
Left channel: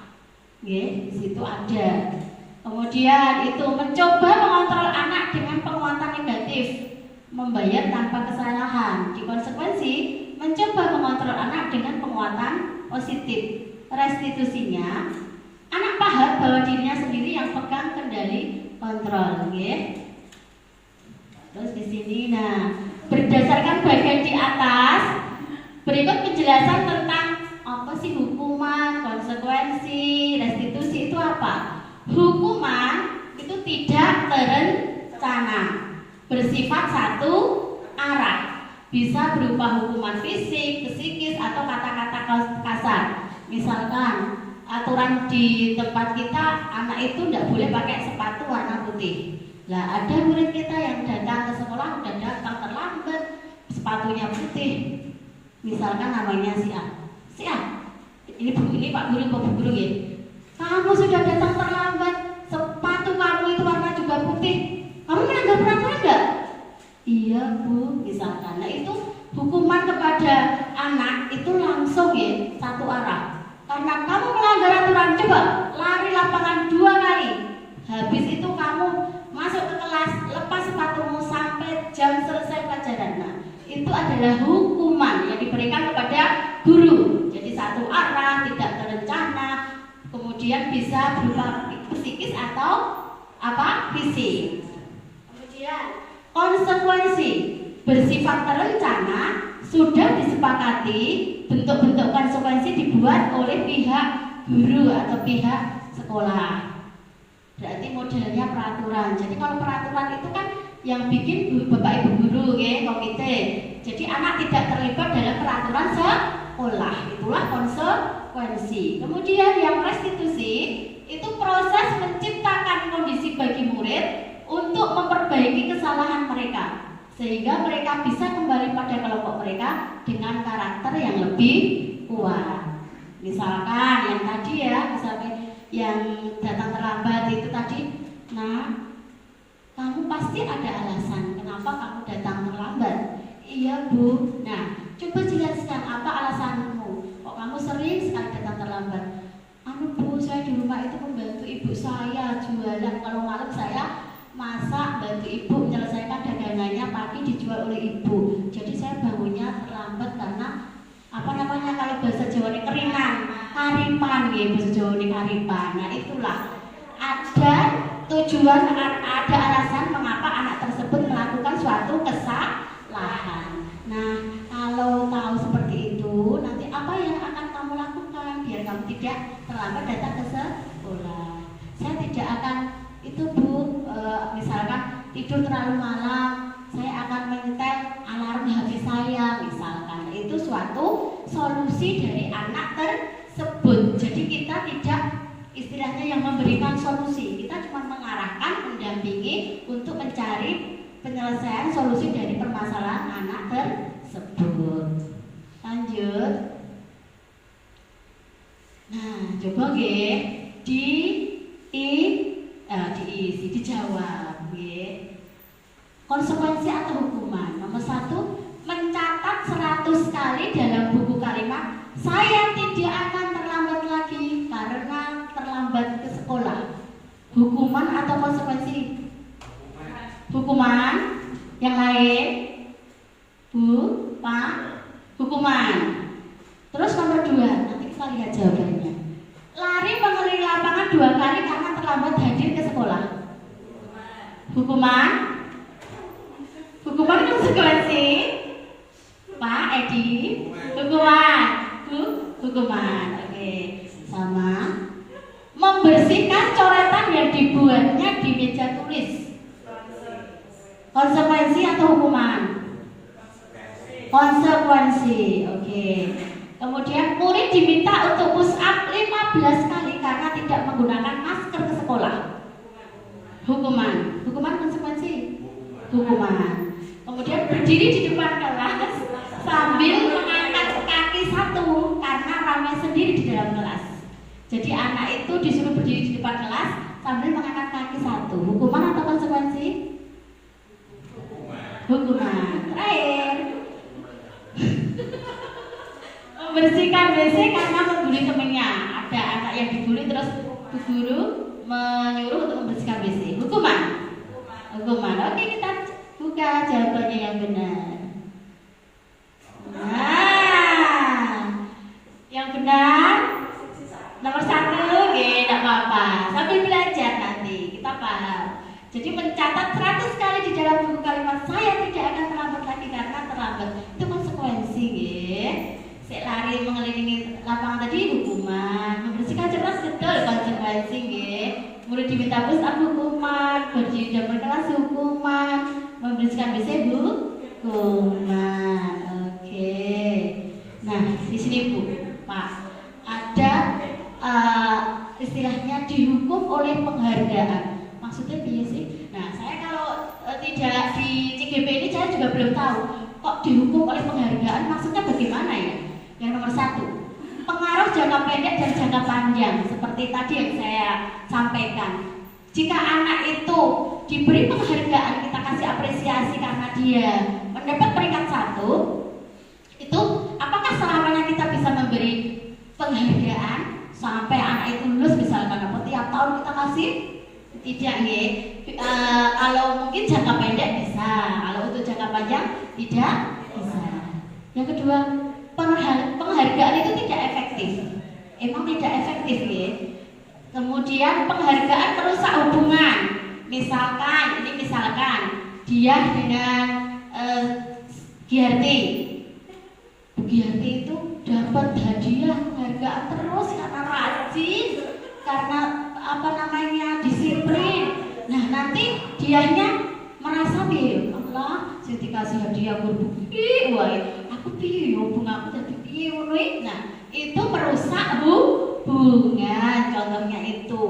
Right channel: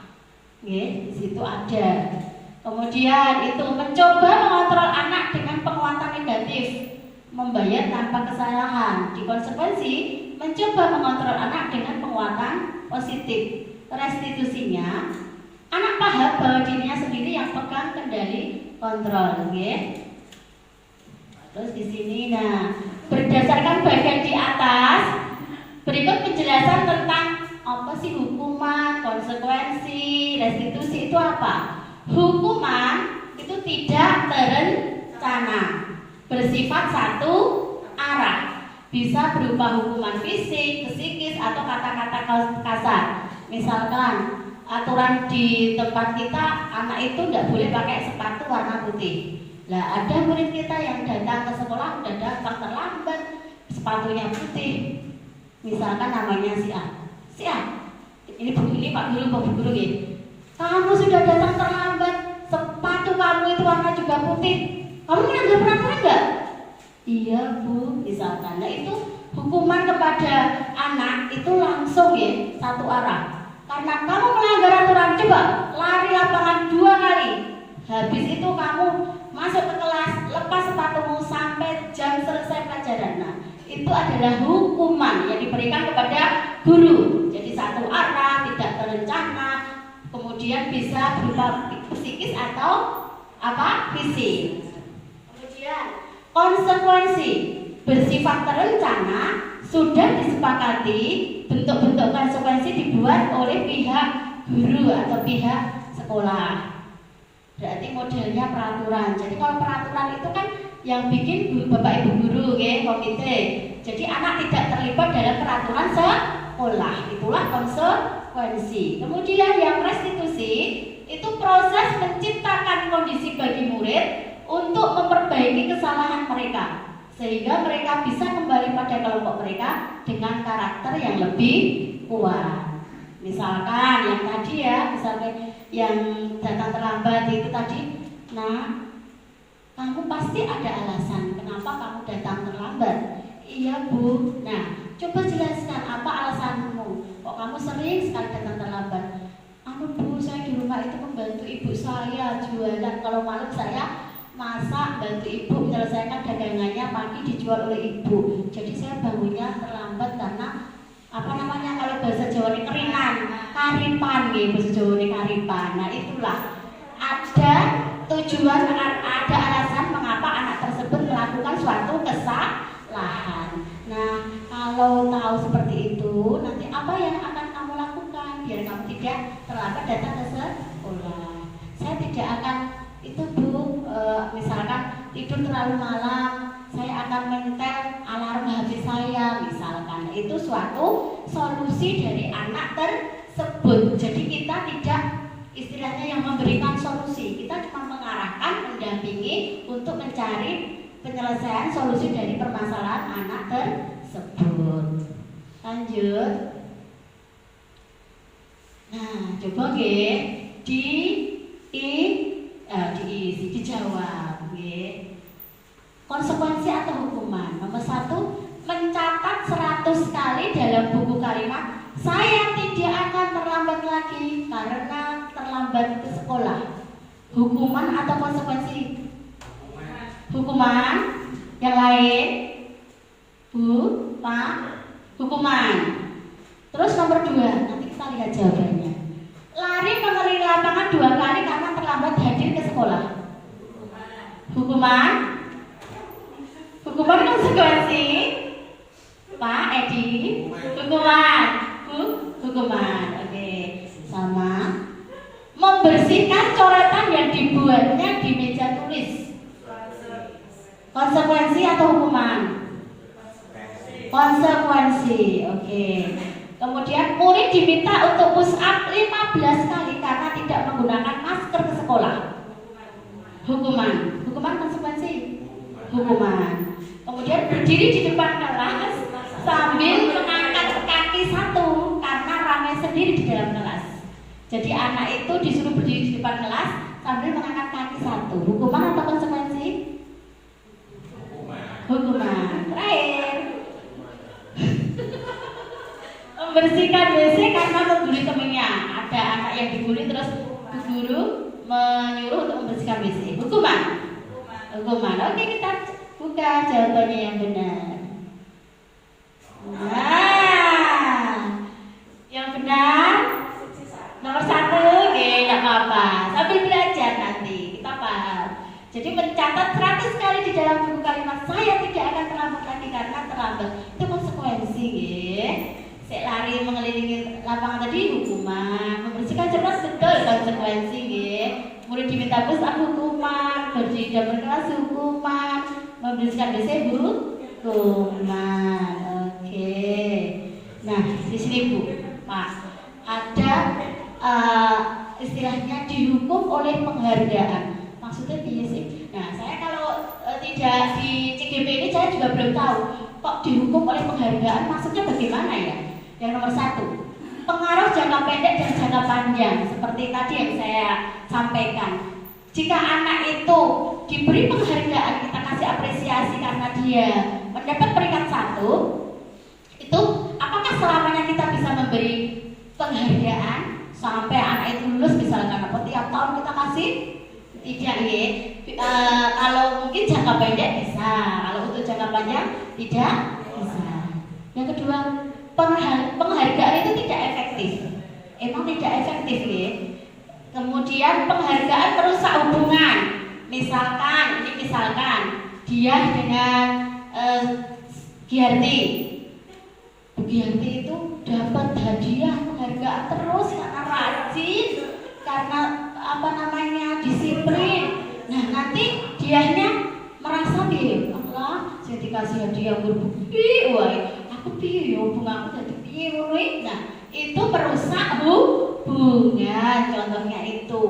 Di situ ada. Kemudian itu mencoba mengontrol anak dengan penguatan negatif, membayar tanpa kesalahan. Di konsekuensi, mencoba mengontrol anak dengan penguatan positif. Restitusinya, anak paham bahwa dirinya sendiri yang pegang kendali kontrol. Terus di sini, nah, berdasarkan bagian di atas, berikut penjelasan tentang apa sih hukuman, konsekuensi, restitusi itu apa? Hukuman itu tidak terencana, bersifat satu arah, bisa berupa hukuman fisik, psikis, atau kata-kata kasar. Misalkan aturan di tempat kita, anak itu tidak boleh pakai sepatu warna putih. Lah ada murid kita yang datang ke sekolah udah datang terlambat, sepatunya putih. Misalkan namanya si A. Si A, ini Pak Guru, Bu Guru ya. Kamu sudah datang terlambat, sepatu kamu itu warna juga putih. Kamu melanggar peraturan enggak? Iya Bu, misalkan. Nah itu hukuman kepada anak itu langsung ya satu arah. Karena kamu melanggar aturan, coba lari lapangan 2 kali. Habis itu kamu masuk ke kelas, lepas sepatumu sampai jam selesai pelajaran. Nah, itu adalah hukuman yang diberikan kepada guru. Jadi satu arah, tidak terencana, kemudian bisa berupa psikis atau fisik. Kemudian konsekuensi bersifat terencana sudah disepakati, bentuk-bentuk konsekuensi dibuat oleh pihak guru atau pihak sekolah. Berarti modelnya peraturan. Jadi kalau peraturan itu kan yang bikin Bapak Ibu guru ya, komite. Jadi anak tidak terlibat dalam peraturan sekolah. Itulah konsekuensi. Kemudian yang restitusi itu proses menciptakan kondisi bagi murid untuk memperbaiki kesalahan mereka, sehingga mereka bisa kembali pada kelompok mereka dengan karakter yang lebih kuat. Misalkan yang tadi ya, misalkan yang datang terlambat itu tadi, nah kamu pasti ada alasan kenapa kamu datang terlambat. Iya Bu, nah coba jelaskan apa alasanmu, kok kamu sering sekali datang terlambat. Bu, saya di rumah itu membantu ibu saya jualan, kalau malam saya masak, bantu ibu menyelesaikan dagangannya, pagi dijual oleh ibu. Jadi saya bangunnya terlambat karena kalau bahasa Jawa ini keringan, karipan gitu, bahasa Jawa ini karipan. Nah itulah ada tujuan, ada alasan mengapa anak tersebut melakukan suatu kesalahan. Nah kalau tahu seperti itu, nanti apa yang akan kamu lakukan biar kamu tidak terlambat datang ke sekolah? Saya tidak akan itu Bu, misalkan tidur terlalu malam, saya akan menyetel alarm HP saya misalkan. Itu suatu solusi dari anak tersebut. Jadi kita tidak istilahnya yang memberikan solusi, kita cuma mengarahkan, mendampingi untuk mencari penyelesaian solusi dari permasalahan anak tersebut. Lanjut. Nah, coba dijawab. Konsekuensi atau hukuman. Nomor 1, mencatat 100 kali dalam buku kalimat saya tidak akan terlambat lagi karena terlambat ke sekolah. Hukuman atau konsekuensi? Hukuman. Yang lain? Bu, Pak? Hukuman. Terus nomor 2, nanti kita lihat jawabannya. Lari mengelilingi lapangan 2 kali karena terlambat hadir ke sekolah. Hukuman. Hukuman konsekuensi. Pak Edi. Hukuman. Hukuman. Oke, sama. Membersihkan coretan yang dibuatnya di meja tulis. Konsekuensi atau hukuman? Konsekuensi. Oke. Kemudian murid diminta untuk push up 15 kali karena tidak menggunakan masker ke sekolah. Hukuman. Hukuman konsekuensi? Hukuman. Kemudian berdiri di depan kelas sambil mengangkat kaki 1 karena ramai sendiri di dalam kelas. Jadi anak itu disuruh berdiri di depan kelas sambil mengangkat kaki 1. Hukuman atau konsekuensi? Hukuman. Terakhir. Membersihkan WC karena membuli temannya. Ada anak yang dibully terus bu guru menyuruh untuk membersihkan WC. Hukuman. Hukuman. Oke, kita buka jawabannya yang benar. Nah, yang benar nomor 1. Tidak apa-apa. Sambil belajar nanti kita paham. Jadi mencatat 100 kali di dalam buku kalimat saya tidak akan terlambat lagi karena terlambat. Itu konsekuensi, Sek lari mengelilingi lapangan tadi hukuman, membersihkan cerdas betul konsekuensi, murid diminta besar hukuman, berdiri berkelas hukuman, membersihkan WC hukuman. Oke. Nah, di sini Bu, Pak, ada istilahnya dihukum oleh penghargaan. Maksudnya dia sih. Nah, saya kalau tidak di CGP ini saya juga belum tahu kok dihukum oleh penghargaan. Maksudnya bagaimana ya? Yang nomor 1, pengaruh jangka pendek dan jangka panjang. Seperti tadi yang saya sampaikan. Jika anak itu diberi penghargaan, kita kasih apresiasi karena dia mendapat peringkat 1, itu apakah selamanya kita bisa memberi penghargaan sampai anak itu lulus misalkan, apa tiap tahun kita kasih? Tidak ya. Kalau mungkin jangka pendek bisa, kalau untuk jangka panjang tidak bisa. Yang kedua, penghargaan itu tidak efektif. Emang tidak efektif ya. Kemudian penghargaan merusak hubungan. Misalkan dia dengan Giarti. Bu Giarti itu dapat hadiah penghargaan terus karena rajin, karena disiplin. Nah, nanti dianya merasa Allah saya dikasih hadiah berbukti, aku piye yo bunga aku dadi piye ngono. Nah, itu merusak hubungan. Contohnya itu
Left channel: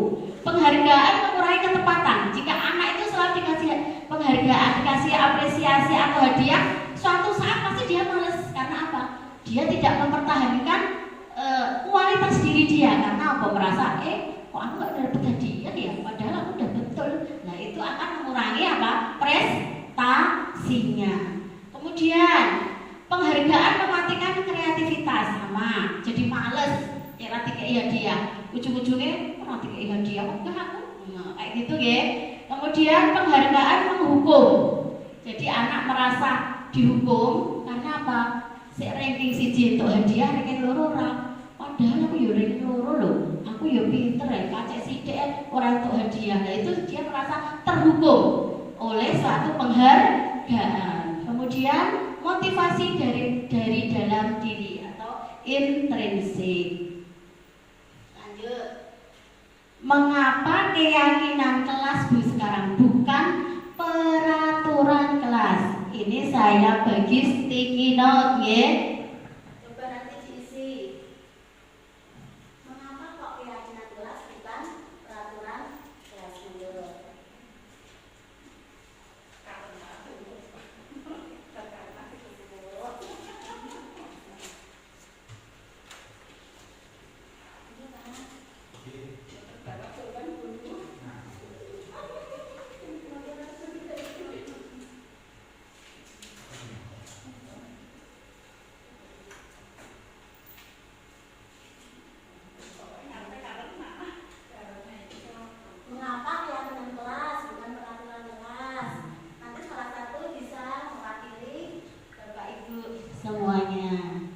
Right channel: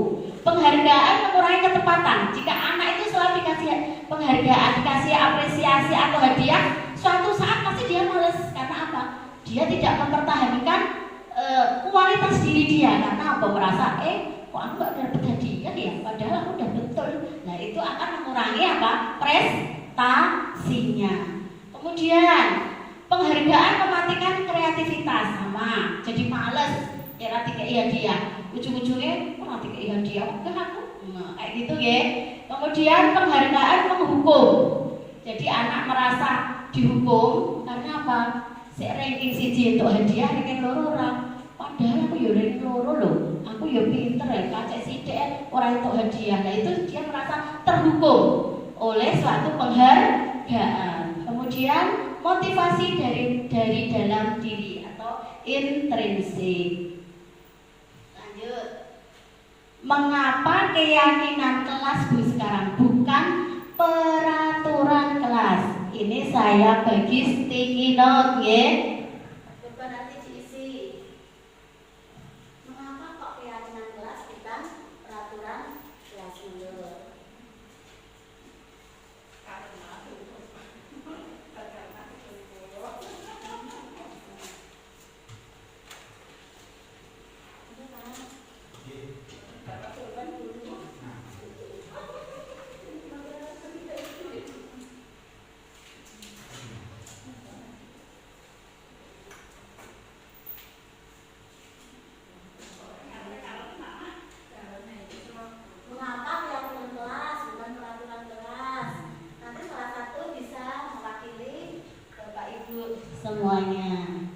penghargaan mengurangi ketepatan. Jika anak itu selalu dikasih penghargaan, dikasih apresiasi atau hadiah, suatu saat pasti dia males. Karena apa? Dia tidak mempertahankan kualitas diri dia. Karena apa? Merasa kok aku gak dapat hadiah ya, padahal aku udah betul. Nah, itu akan mengurangi apa? Prestasinya. Kemudian penghargaan mematikan kreativitas, sama jadi males ya, nanti kayak hadiah ujung-ujungnya nanti kayak hadiah enggak aku kayak gitu ya. Kemudian penghargaan menghukum, jadi anak merasa dihukum karena apa? Si ranking siji untuk hadiah ranking loro orang, padahal aku ya ranking loro loh, aku ya pinter ya, kacek sidik orang untuk hadiah. Nah, itu dia merasa terhukum oleh suatu penghargaan. Kemudian motivasi dari dalam diri atau intrinsik. Lanjut. Mengapa keyakinan kelas Bu sekarang bukan peraturan kelas? Ini saya bagi sticky note ya. Coba nanti diisi. Mengapa kok keyakinan kelas bukan peraturan kelas dulu? Semuanya.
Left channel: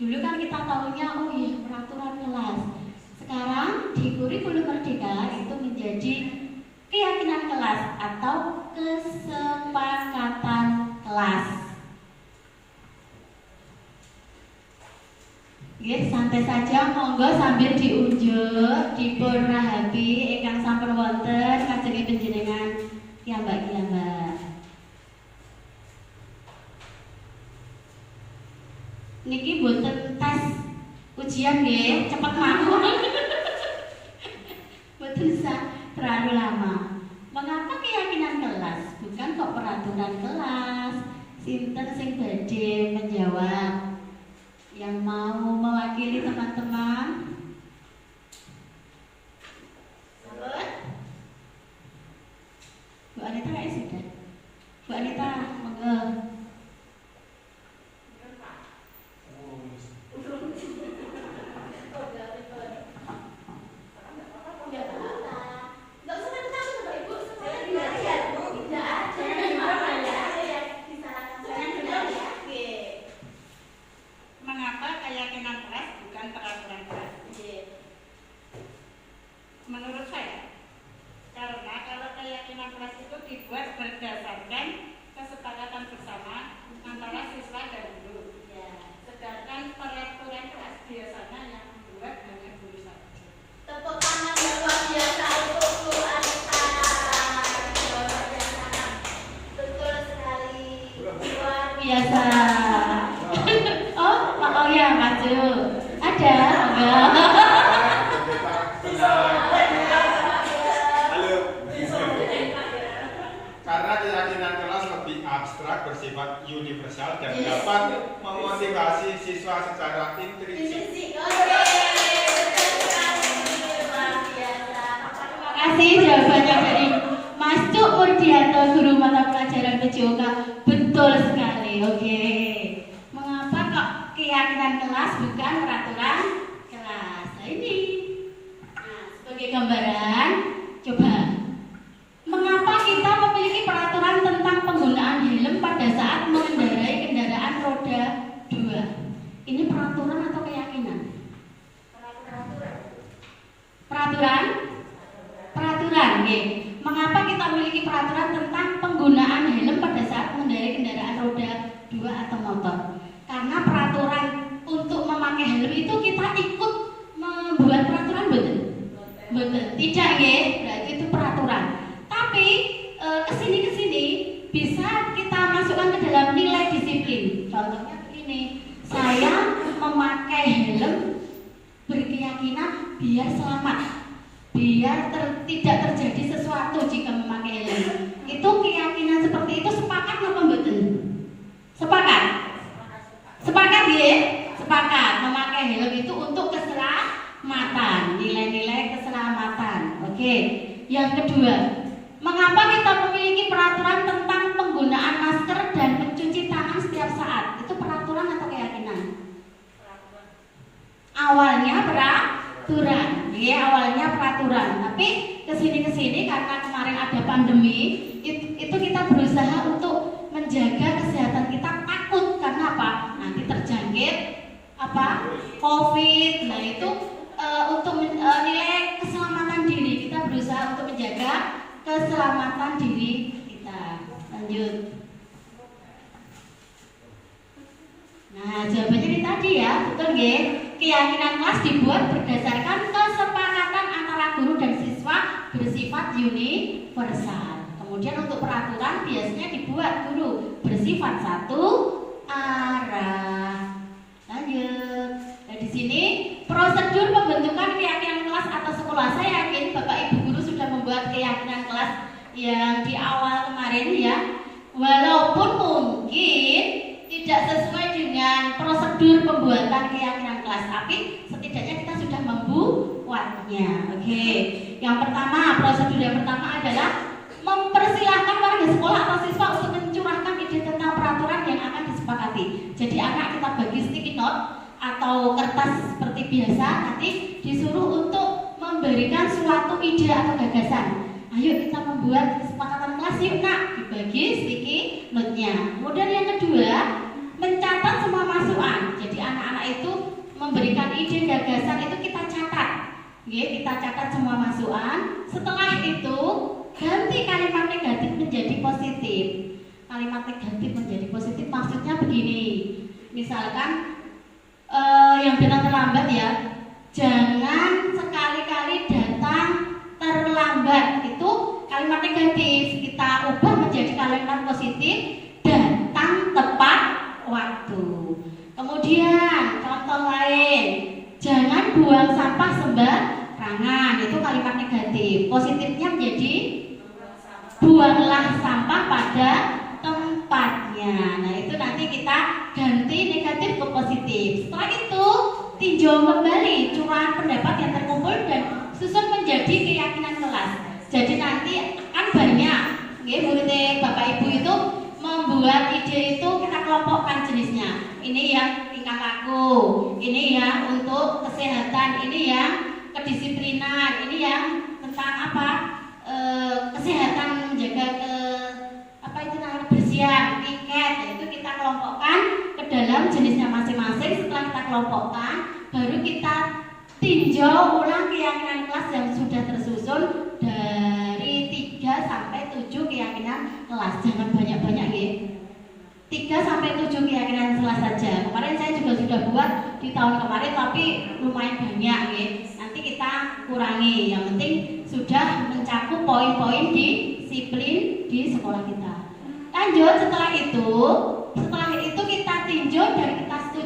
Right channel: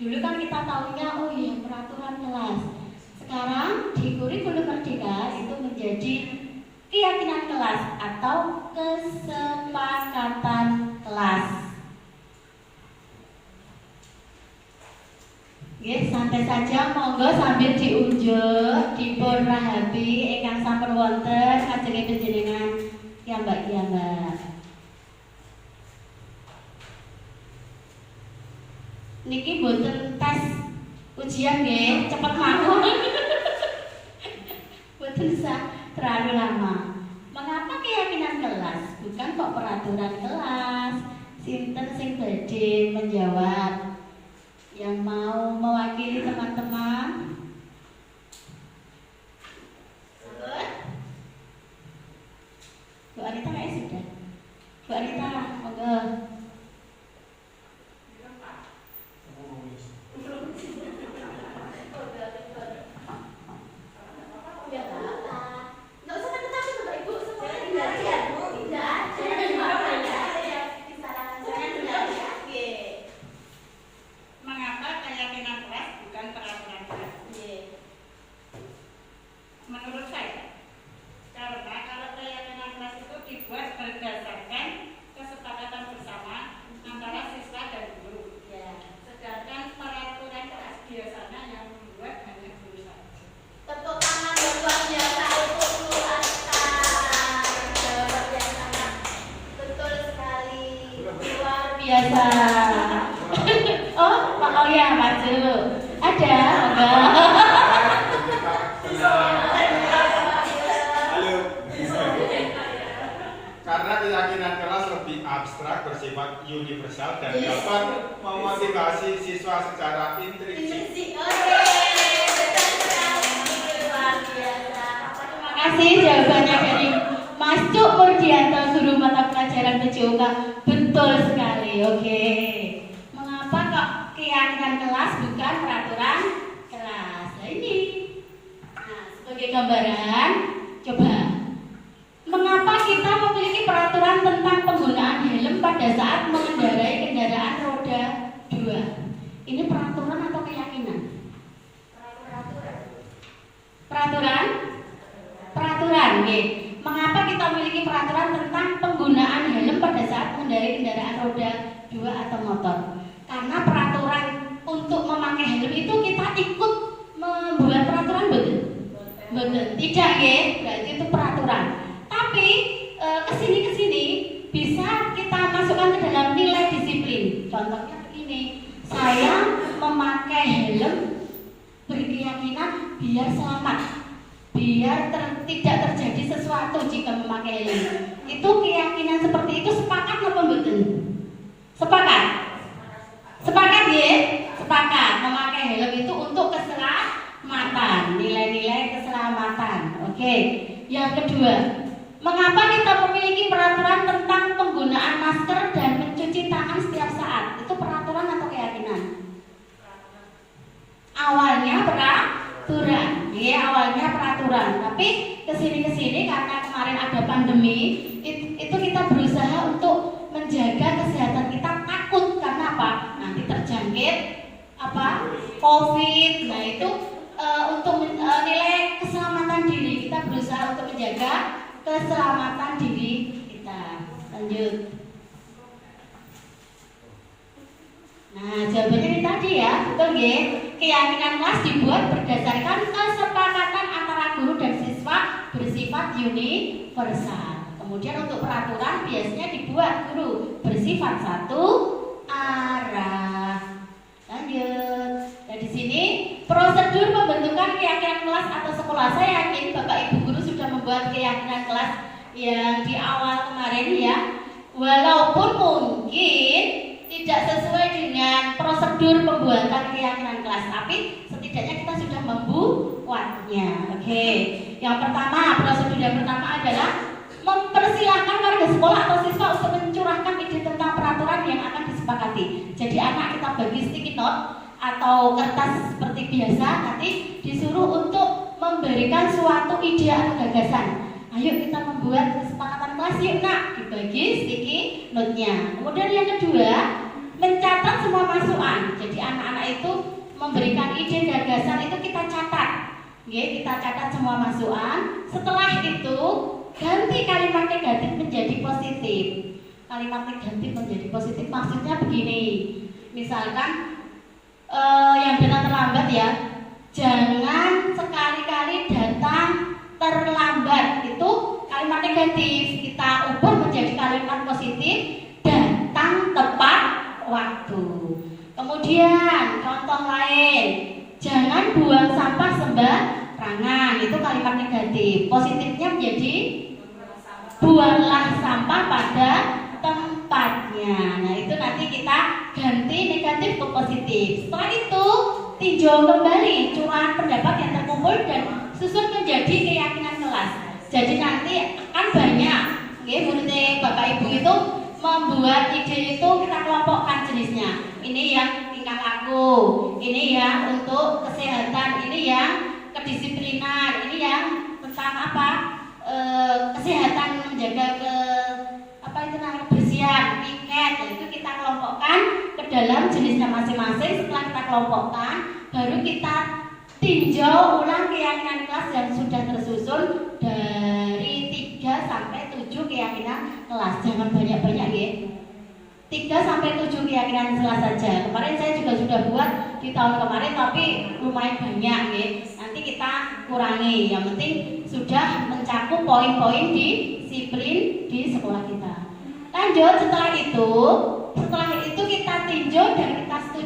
Dulu kan kita tahunya oh iya peraturan kelas. Sekarang di kurikulum Merdeka itu menjadi keyakinan kelas atau kesepakatan kelas. Ya, santai saja, monggo sambil diunjuk, dipun rahapi ingkang sampun wonten kajenge panjenengan piyambak-piyambak. Niki boten tes ujian nggih, cepet mawon. Boten usah terlalu lama. Mengapa keyakinan kelas bukan kok peraturan kelas? Sinten sing badhe menjawab? Yang mau mewakili teman-teman? Bu Anita kayak sudah. Bu Anita, monggo. Nggak usah takut-takut Bapak Ibu, semuanya belajar. Tidak ada. biasa. Oh ya, maju. Ada. Halo. Karena keyakinan kelas lebih abstrak, bersifat universal dan dapat memotivasi siswa secara intrinsik. Terima kasih jawabannya dari Mas Cuk Murdianto, guru mata pelajaran PJOK. Betul sekali. Oke. Mengapa kok keyakinan kelas bukan peraturan kelas? Nah, ini. Nah, sebagai gambaran, coba. Mengapa kita memiliki peraturan tentang penggunaan helm pada saat mengendarai kendaraan roda 2? Ini peraturan atau keyakinan? Peraturan? Peraturan, ya. Mengapa kita memiliki peraturan tentang penggunaan helm pada saat mengendarai kendaraan roda 2 atau motor? Karena peraturan untuk memakai helm itu kita ikut membuat peraturan, betul? Betul. Tidak, ya. Berarti itu peraturan. Tapi kesini bisa kita masukkan ke dalam nilai disiplin. Contohnya begini, saya memakai helm berkeyakinan biar selamat, biar tidak terjadi sesuatu jika memakai helm. Itu keyakinan seperti itu sepakat atau betul? Sepakat? Sepakat ya? Sepakat. Memakai helm itu untuk keselamatan, nilai-nilai keselamatan. Oke. Yang kedua, mengapa kita memiliki peraturan tentang penggunaan masker dan mencuci tangan setiap saat? Itu peraturan atau keyakinan? Awalnya peraturan, ya awalnya peraturan. Tapi kesini karena kemarin ada pandemi, itu kita berusaha untuk menjaga kesehatan kita, takut karena apa? Nanti terjangkit COVID. Nah itu untuk nilai keselamatan diri, kita berusaha untuk menjaga keselamatan diri kita. Lanjut. Nah, jawabannya ini tadi ya, betul ya. Keyakinan kelas dibuat berdasarkan kesepakatan antara guru dan siswa bersifat universal. Kemudian untuk peraturan biasanya dibuat guru bersifat satu arah. Lanjut. Nah, di sini prosedur pembentukan keyakinan kelas atau sekolah. Saya yakin Bapak Ibu guru sudah membuat keyakinan kelas yang di awal kemarin ya. Walaupun mungkin tidak sesuai dengan prosedur pembuatan keyakinan kelas, tapi setidaknya kita sudah membuatnya. Oke. Yang pertama, prosedur yang pertama adalah mempersilahkan warga sekolah atau siswa untuk mencurahkan ide tentang peraturan yang akan disepakati. Jadi anak kita bagi sticky note atau kertas seperti biasa, nanti disuruh untuk memberikan suatu ide atau gagasan. Ayo kita membuat kesepakatan kelas yuk nak, dibagi sticky note-nya. Kemudian yang kedua, mencatat semua masukan. Jadi anak-anak itu memberikan ide gagasan itu kita catat. Kita catat semua masukan. Setelah itu ganti kalimat negatif menjadi positif. Kalimat negatif menjadi positif maksudnya begini. Misalkan yang benar terlambat ya, jangan sekali-kali datang terlambat. Itu kalimat negatif, kita ubah menjadi kalimat positif, datang tepat waktu. Kemudian contoh lain, jangan buang sampah sembarangan. Itu kalimat negatif. Positifnya menjadi buanglah sampah pada tempatnya. Nah itu nanti kita ganti negatif ke positif. Setelah itu tinjau kembali curahan pendapat yang terkumpul dan susun menjadi keyakinan kelas. Jadi nanti akan banyak, menurut Bapak Ibu itu membuat ide itu kita kelompokkan jenisnya. Ini yang tingkah laku, ini yang untuk kesehatan, ini yang kedisiplinan, ini yang tentang kesehatan, menjaga kebersihan, tiket. Itu kita kelompokkan ke dalam jenisnya masing-masing. Setelah kita kelompokkan, baru kita tinjau ulang keyakinan kelas yang sudah tersusun dari 3 sampai 7 keyakinan kelas. Jangan banyak-banyak ya. 3 sampai 7 keyakinan kelas saja. Kemarin saya juga sudah buat di tahun kemarin, tapi lumayan banyak ya. Nanti kita kurangi. Yang penting sudah mencakup poin-poin disiplin di sekolah kita. Lanjut setelah itu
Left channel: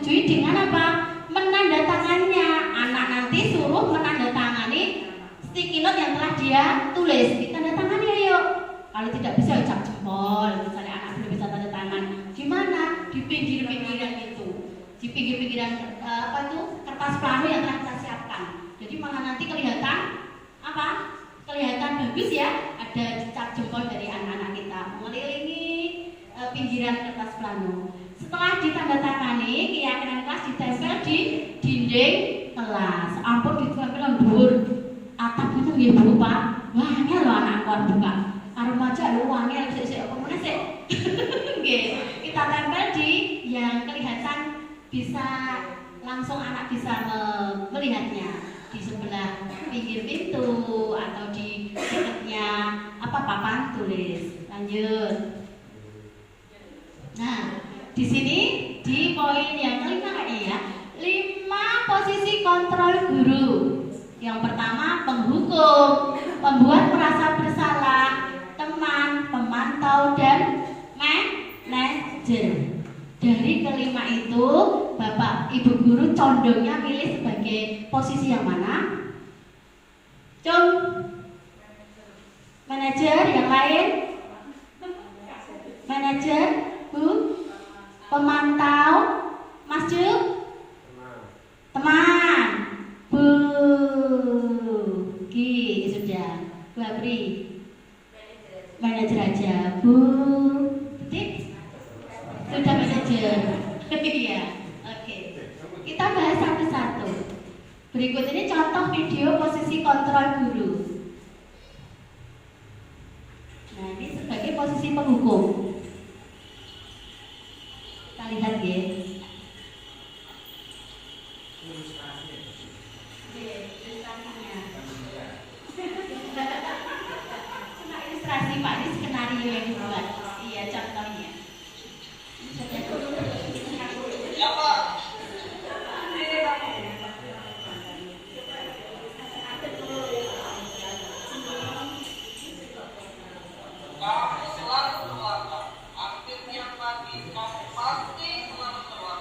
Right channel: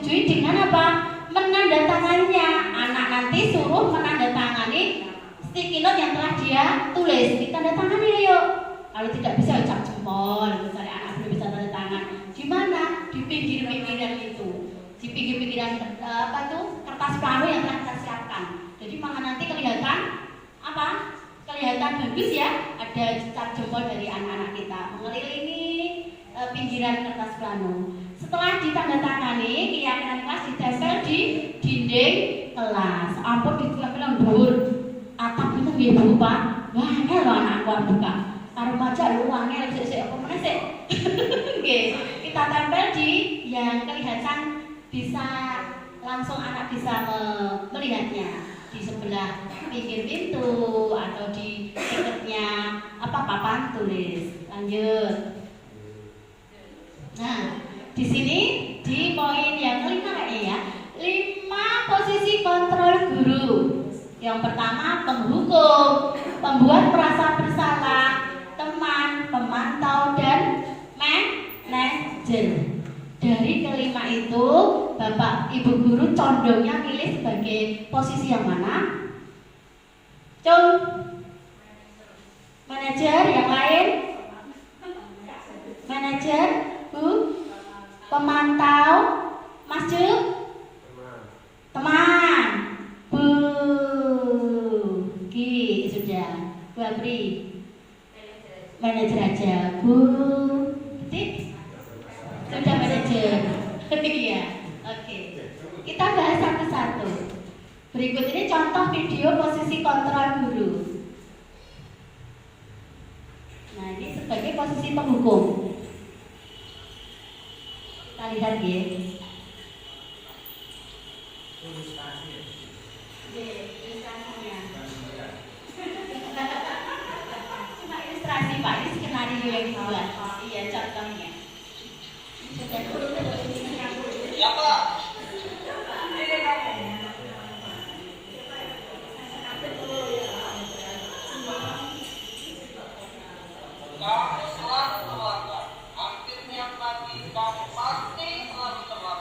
menyetujui dengan apa? Menandatangannya. Anak nanti suruh menandatangani sticky note yang telah dia tulis. Ditandatangani ayo. Kalau tidak bisa ucap jempol. Misalnya anak belum bisa tanda tangan, di mana? Di pinggir-pinggiran itu. Di pinggir-pinggiran kertas plano yang telah kita siapkan. Jadi malah nanti kelihatan apa? Kelihatan bagus ya. Ada cap jempol dari anak-anak kita mengelilingi pinggiran kertas plano. Setelah ditandatangani, keyakinan kelas ditempel di dinding kelas. Ampun ditempel dhuwur atap itu nggih Bu Pak. Wah, angel lho anak keluar buka. Karo maca lho angel sik apa meneh sik. Nggih, kita tempel di yang kelihatan bisa langsung anak bisa melihatnya di sebelah pinggir pintu atau di dekatnya papan tulis. Lanjut. Nah, di sini di poin yang kelima kayaknya ya, 5 posisi kontrol guru. Yang pertama penghukum, pembuat merasa bersalah, teman, pemantau dan manajer. Dari kelima itu, Bapak Ibu guru condongnya milih sebagai posisi yang mana? Cung, manajer, yang lain? Manajer, Bu, pemantau, Mas Cuk, teman, Bu, Ki, sudah, Bu Apri, manajer aja, Bu, Tik, sudah manajer, iya, oke. Kita bahas satu-satu. Berikut ini contoh video posisi kontrol guru. Nah, ini sebagai posisi penghukum. Kita lihat ya. Cuma ilustrasi Pak, ini skenario yang dibuat. Iya, contohnya. Ya Pak. Kamu selalu keluarga. Aktif tiap pagi, kamu pasti selalu keluarga.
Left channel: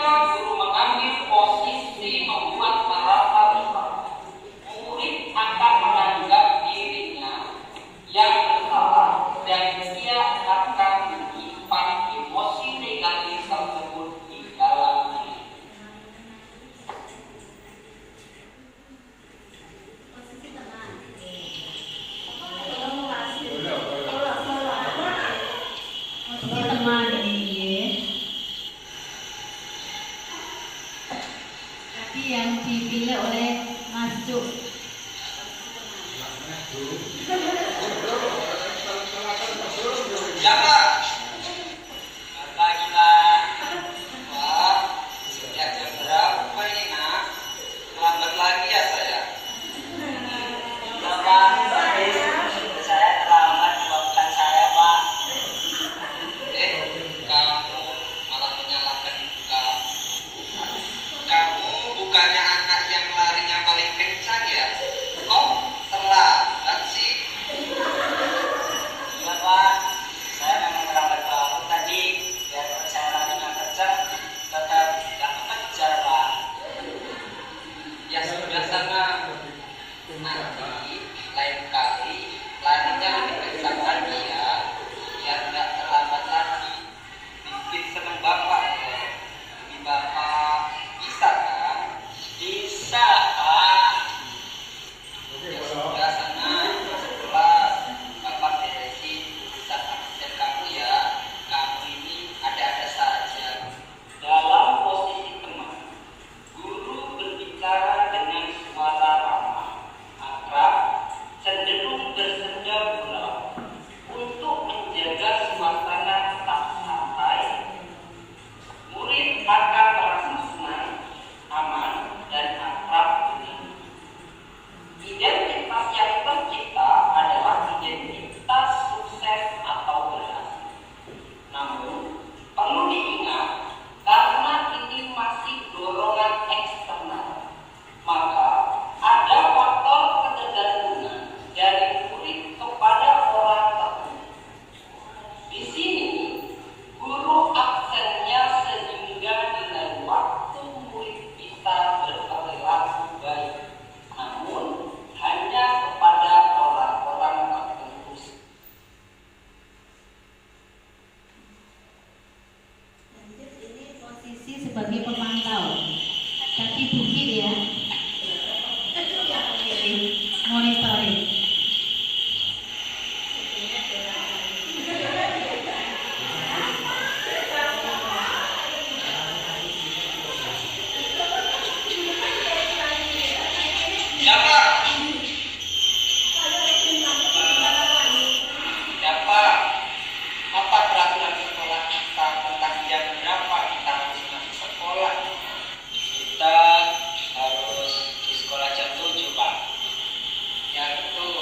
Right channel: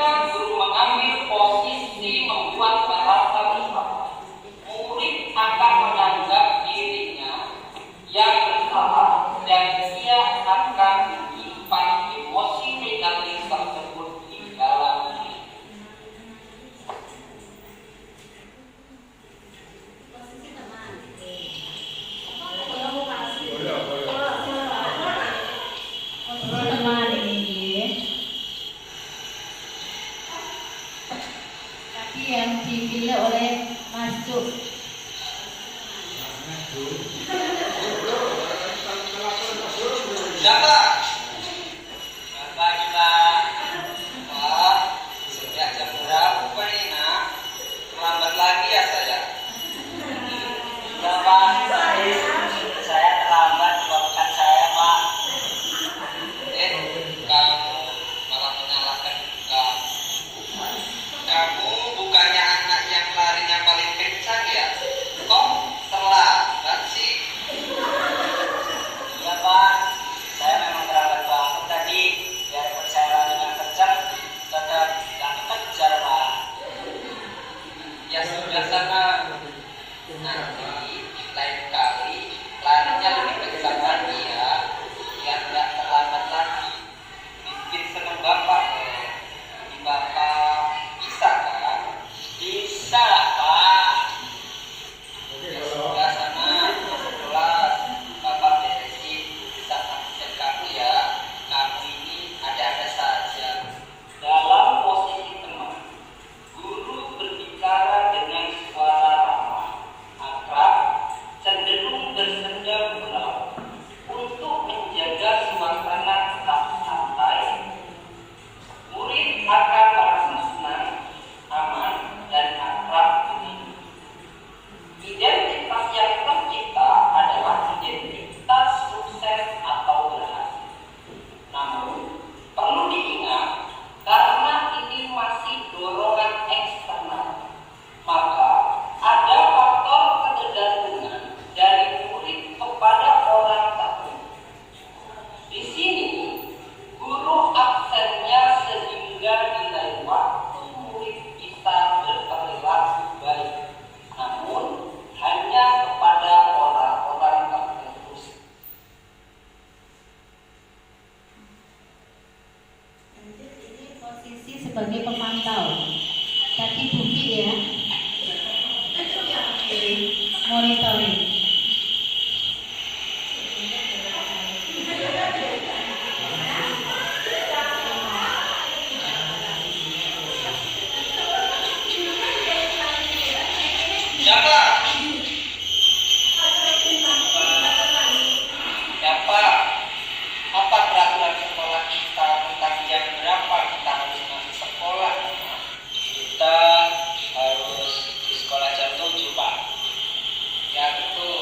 ketika guru mengambil posisi membuat bahasa Islam, murid akan menganggap dirinya yang bersalah dan dia akan menyimpan emosi negatif tersebut di dalam diri. Posisi teman. Teman ini tadi yang dipilih oleh Mas Cuk. Siapa? Kata kita. Wah, sudah jam berapa ini nak? Lambat lagi ya saya. Ya Pak, saya terlambat bukan saya Pak. Kamu malah menyalahkan kamu. Kamu bukannya anak yang larinya paling kencang ya? Kok terlambat sih? Iya Pak, saya memang terlambat bangun tadi. Biarpun saya larinya kencang, tetap gak kejar Pak. Ya sudah sana. Nanti lain kali larinya lebih kencang lagi ya, biar nggak terlambat lagi. Bikin seneng bapak ya. Jadi bapak bisa kan? Bisa Pak. Ya sudah sana masuk kelas. Bapak beresin bisa absen kamu ya. Kamu ini ada-ada saja. Dalam posisi teman, guru berbicara dengan suara ramah, akrab, cenderung bersenda gurau untuk menjaga suasana tetap santai. Murid akan merasa senang, aman, dan akrab ini. Identitas yang tercipta adalah identitas sukses atau berhasil. Namun, perlu diingat, karena ini masih dorongan eksternal, maka ada faktor ketergantungan dari murid kepada orang tertentu. Di sini, guru absennya sehingga nilai waktu murid bisa berperilaku baik, namun hanya kepada orang-orang tertentu. Lanjut, ini posisi sebagai pemantau. Tadi Buki ya. Monitoring. Siapa? Siapa? Apa peraturan sekolah kita tentang jam berapa kita harus masuk sekolah? Kita harus di sekolah jam 7 Pak. Ya betul.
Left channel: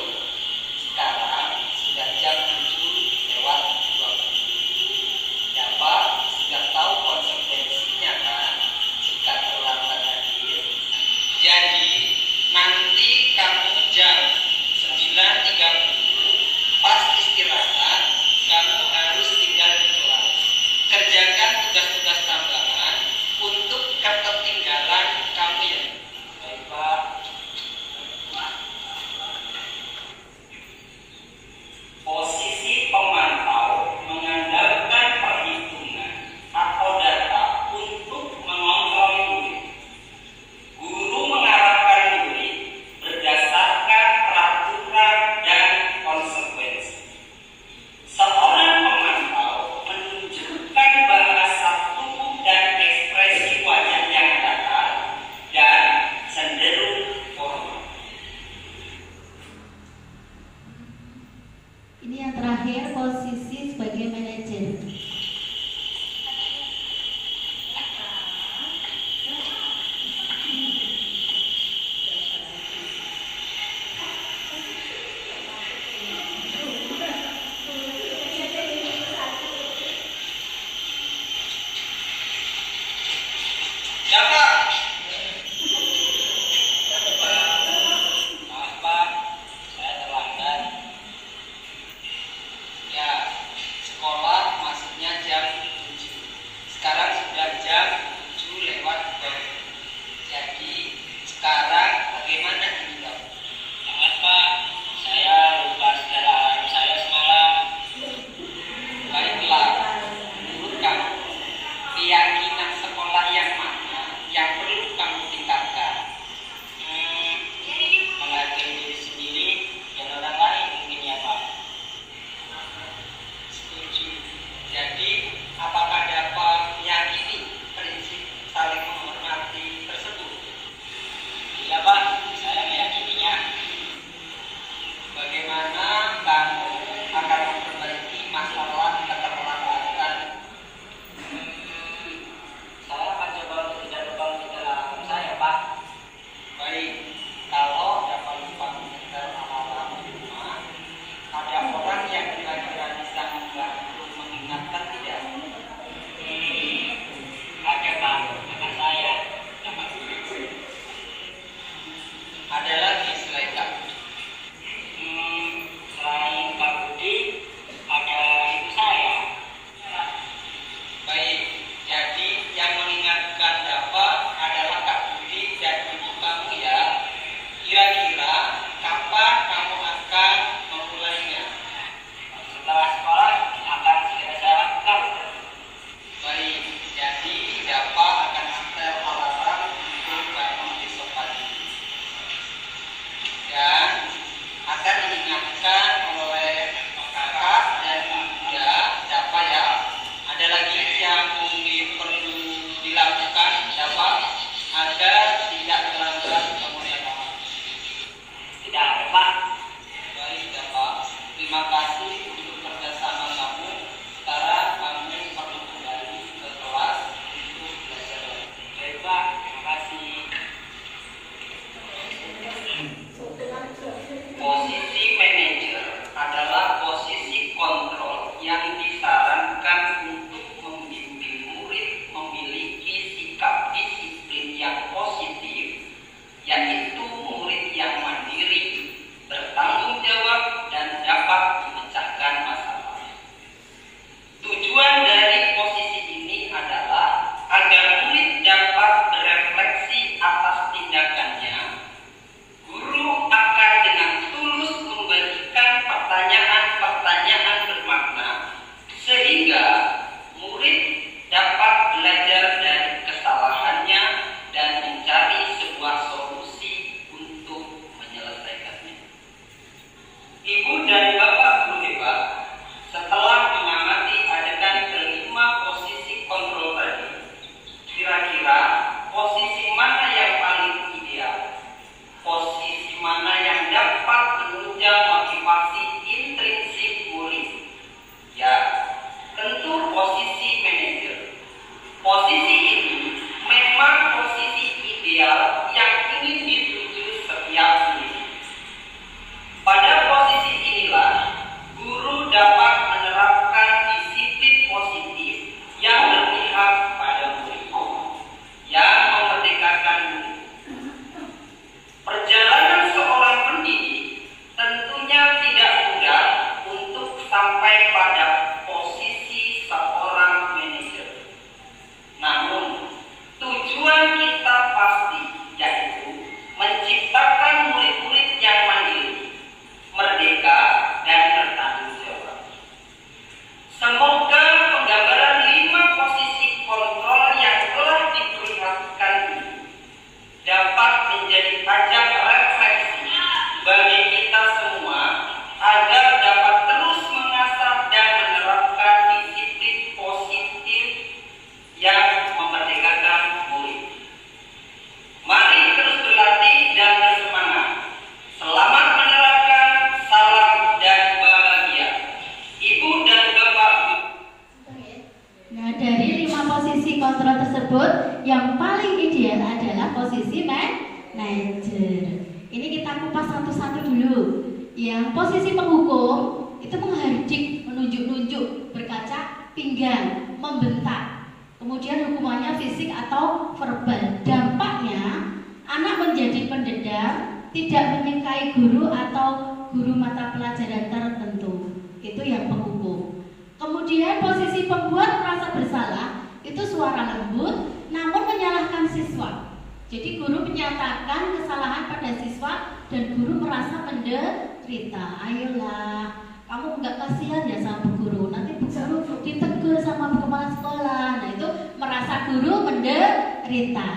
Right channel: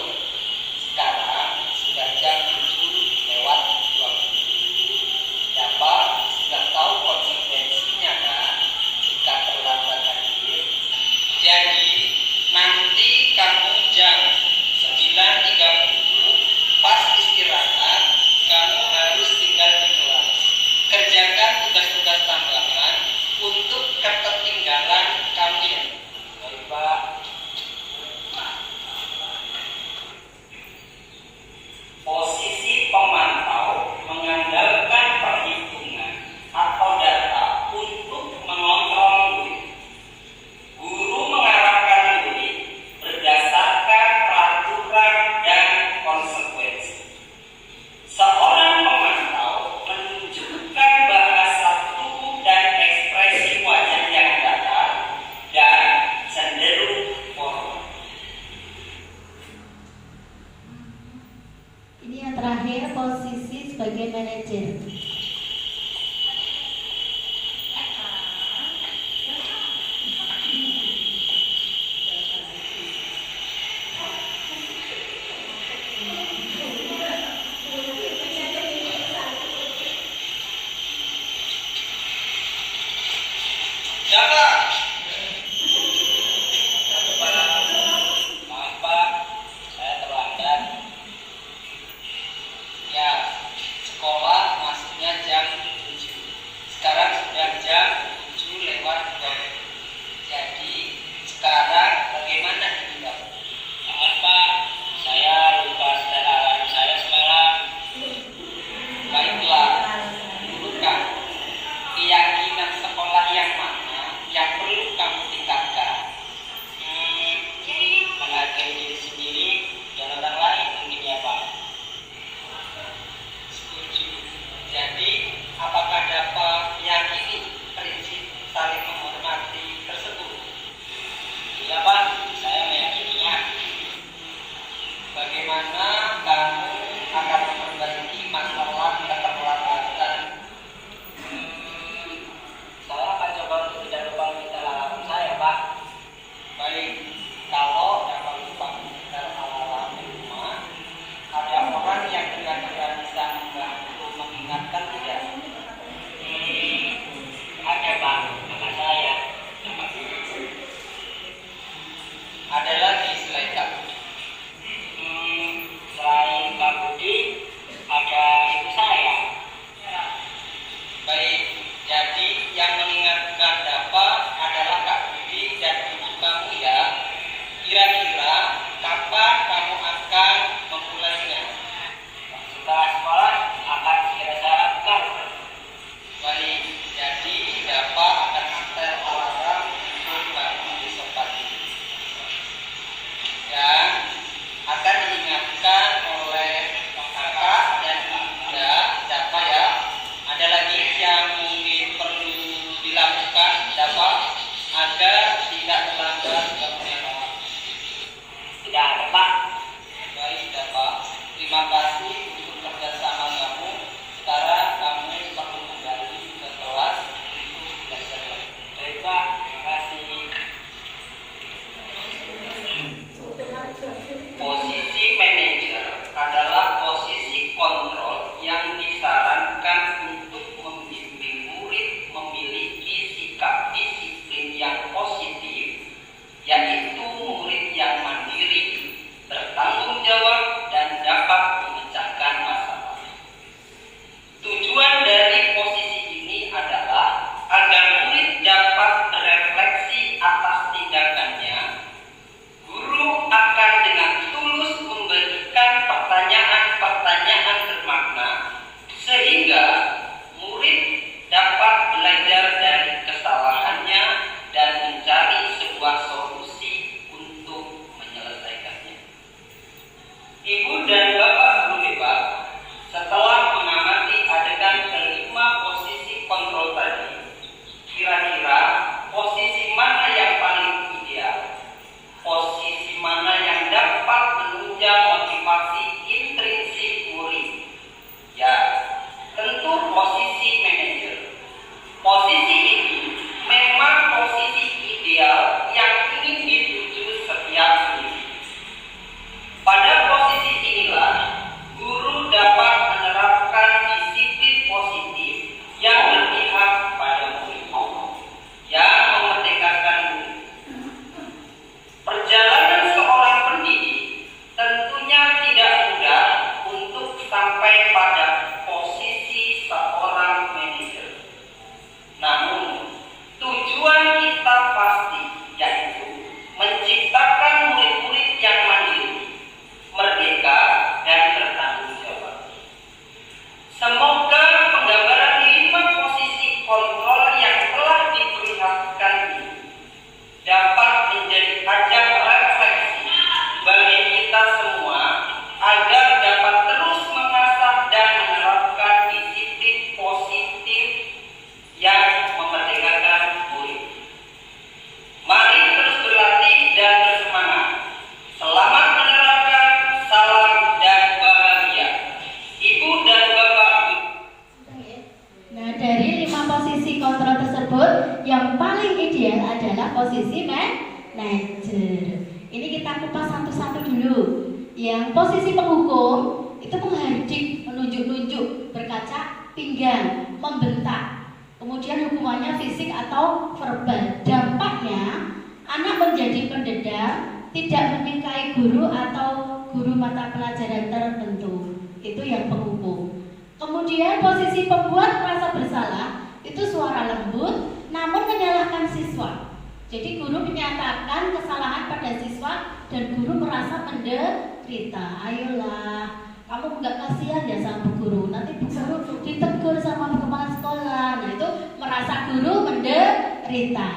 posisi kontrol tersebut, yang paling ideal adalah posisi manajer. Ini kita kupas satu-satu dulu. Yang posisi penghukum itu menghardik, menunjuk-nunjuk, berkaca pinggang, membentak. Kemudian hukumannya fisik atau verbal. Dampaknya anak menjadi pendendam, tidak menyukai guru atau guru mata pelajaran tertentu. Itu yang penghukum. Kemudian posisi pembuat merasa bersalah itu suara lembut namun menyalahkan siswa. Jadi guru menyatakan kesalahan pada siswa dan guru merasa menderita. Ayolah, kamu nggak kasihan ya sama bu guru, nanti bu guru ditegur sama kepala sekolah. Nah itu merasa guru menderita.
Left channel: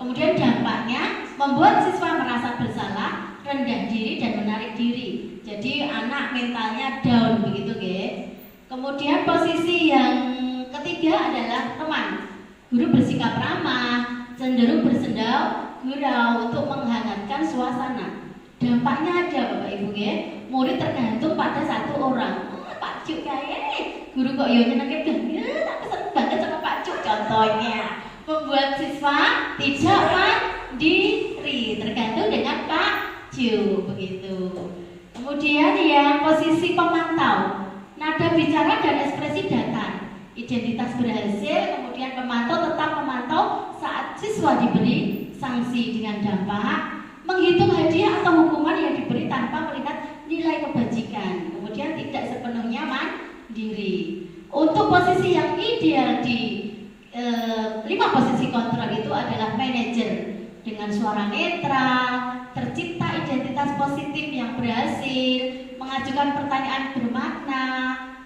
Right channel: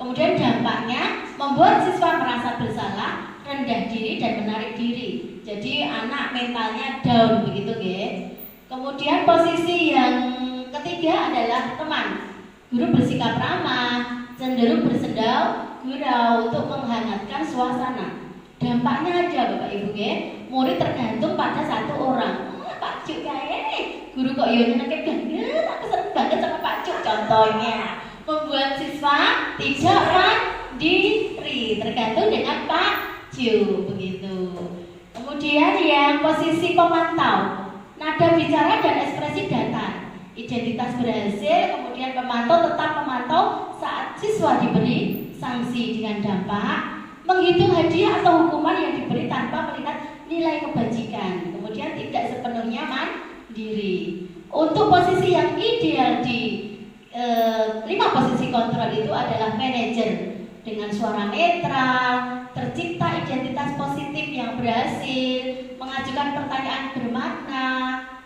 Kemudian dampaknya membuat siswa merasa bersalah, rendah diri dan menarik diri. Jadi anak mentalnya down begitu, guys. Kemudian posisi yang ketiga adalah teman. Guru bersikap ramah, cenderung bersendau gurau untuk menghangatkan suasana. Dampaknya ada Bapak Ibu, murid tergantung pada satu orang. Pak Cuk kayak guru kok yo nyenengke banget, aku seneng banget sama Pak Cuk. Contohnya membuat siswa tidak mandiri, tergantung dengan Pak Cuk begitu. Kemudian yang posisi pemantau, nada bicara dan ekspresi datar. Identitas berhasil, kemudian pemantau tetap memantau saat siswa diberi sanksi dengan dampak, menghitung hadiah atau hukuman yang diberi tanpa melihat nilai kebajikan, kemudian tidak sepenuhnya mandiri. Untuk posisi yang ideal di 5 posisi kontrol itu adalah manajer dengan suara netral, tercipta identitas positif yang berhasil, mengajukan pertanyaan bermakna,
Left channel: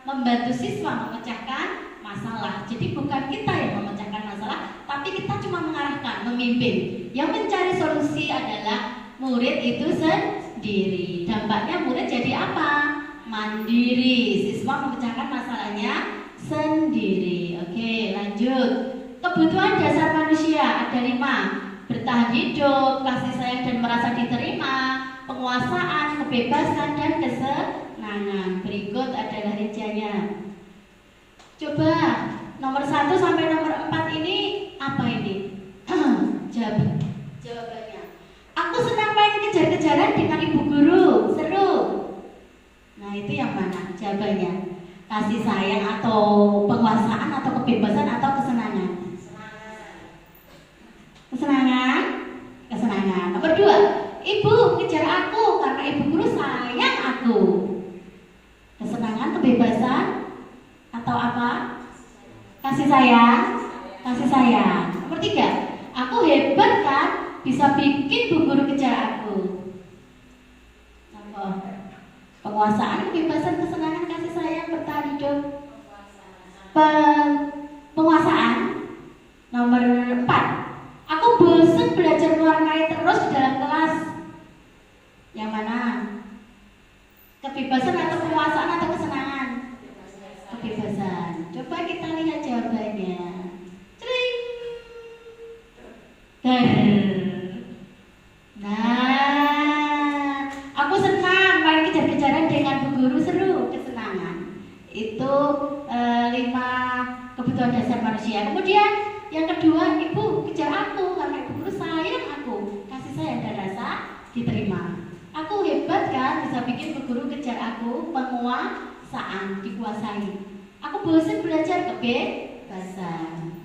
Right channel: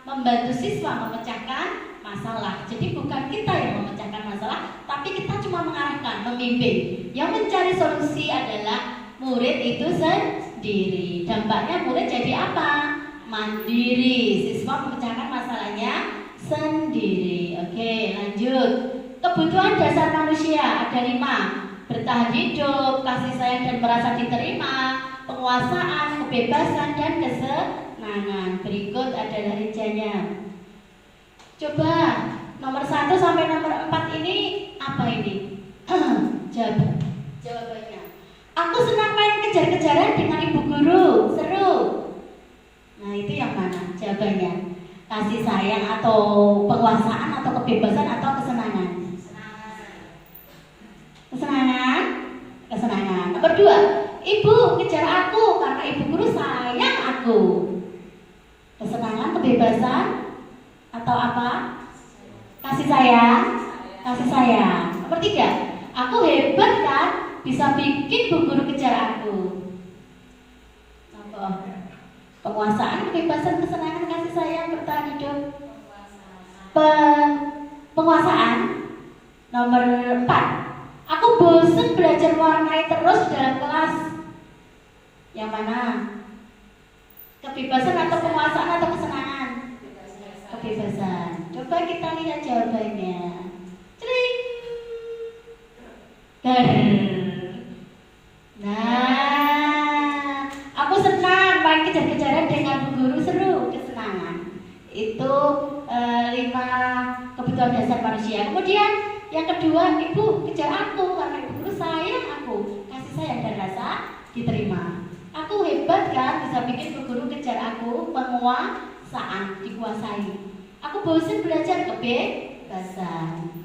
membantu siswa memecahkan masalah. Jadi bukan kita yang memecahkan masalah, tapi kita cuma mengarahkan, membimbing. Yang mencari solusi adalah murid itu sendiri. Dampaknya murid jadi apa? Mandiri. Siswa memecahkan masalahnya sendiri. Oke, lanjut. Kebutuhan dasar manusia ada 5. Bertahan hidup, kasih sayang dan merasa diterima, penguasaan, kebebasan dan kesenangan. Berikut adalah rinciannya. Coba nomor 1 sampai nomor 4 ini apa ini? Jawabannya. Aku senang main kejar-kejaran dengan ibu guru, seru. Nah itu yang mana jawabannya? Kasih sayang atau penguasaan atau kebebasan atau kesenangan? Kesenangan. Kesenangan. Nomor 2, ibu kejar aku karena ibu guru sayang aku. Kesenangan, kebebasan atau apa? Kasih sayang. Kasih sayang. Nomor 3, aku hebat kan, bisa bikin bu guru kejar aku. Nomor penguasaan, kebebasan, kesenangan, kasih sayang, bertahan hidup. Penguasaan. Nomor 4, aku bosan belajar mewarnai terus di dalam kelas. Yang mana? Kebebasan atau penguasaan atau kesenangan? Kebebasan. Coba kita lihat jawabannya. Cering. Nah, aku senang main kejar-kejaran dengan bu guru, seru, kesenangan. Itu 5 kebutuhan dasar manusia. Kemudian yang kedua, ibu kejar aku karena ibu guru sayang aku, kasih sayang dan rasa diterima. Aku hebat kan, bisa bikin bu guru kejar aku, penguasaan, dikuasai. Aku bosan belajar, kebebasan.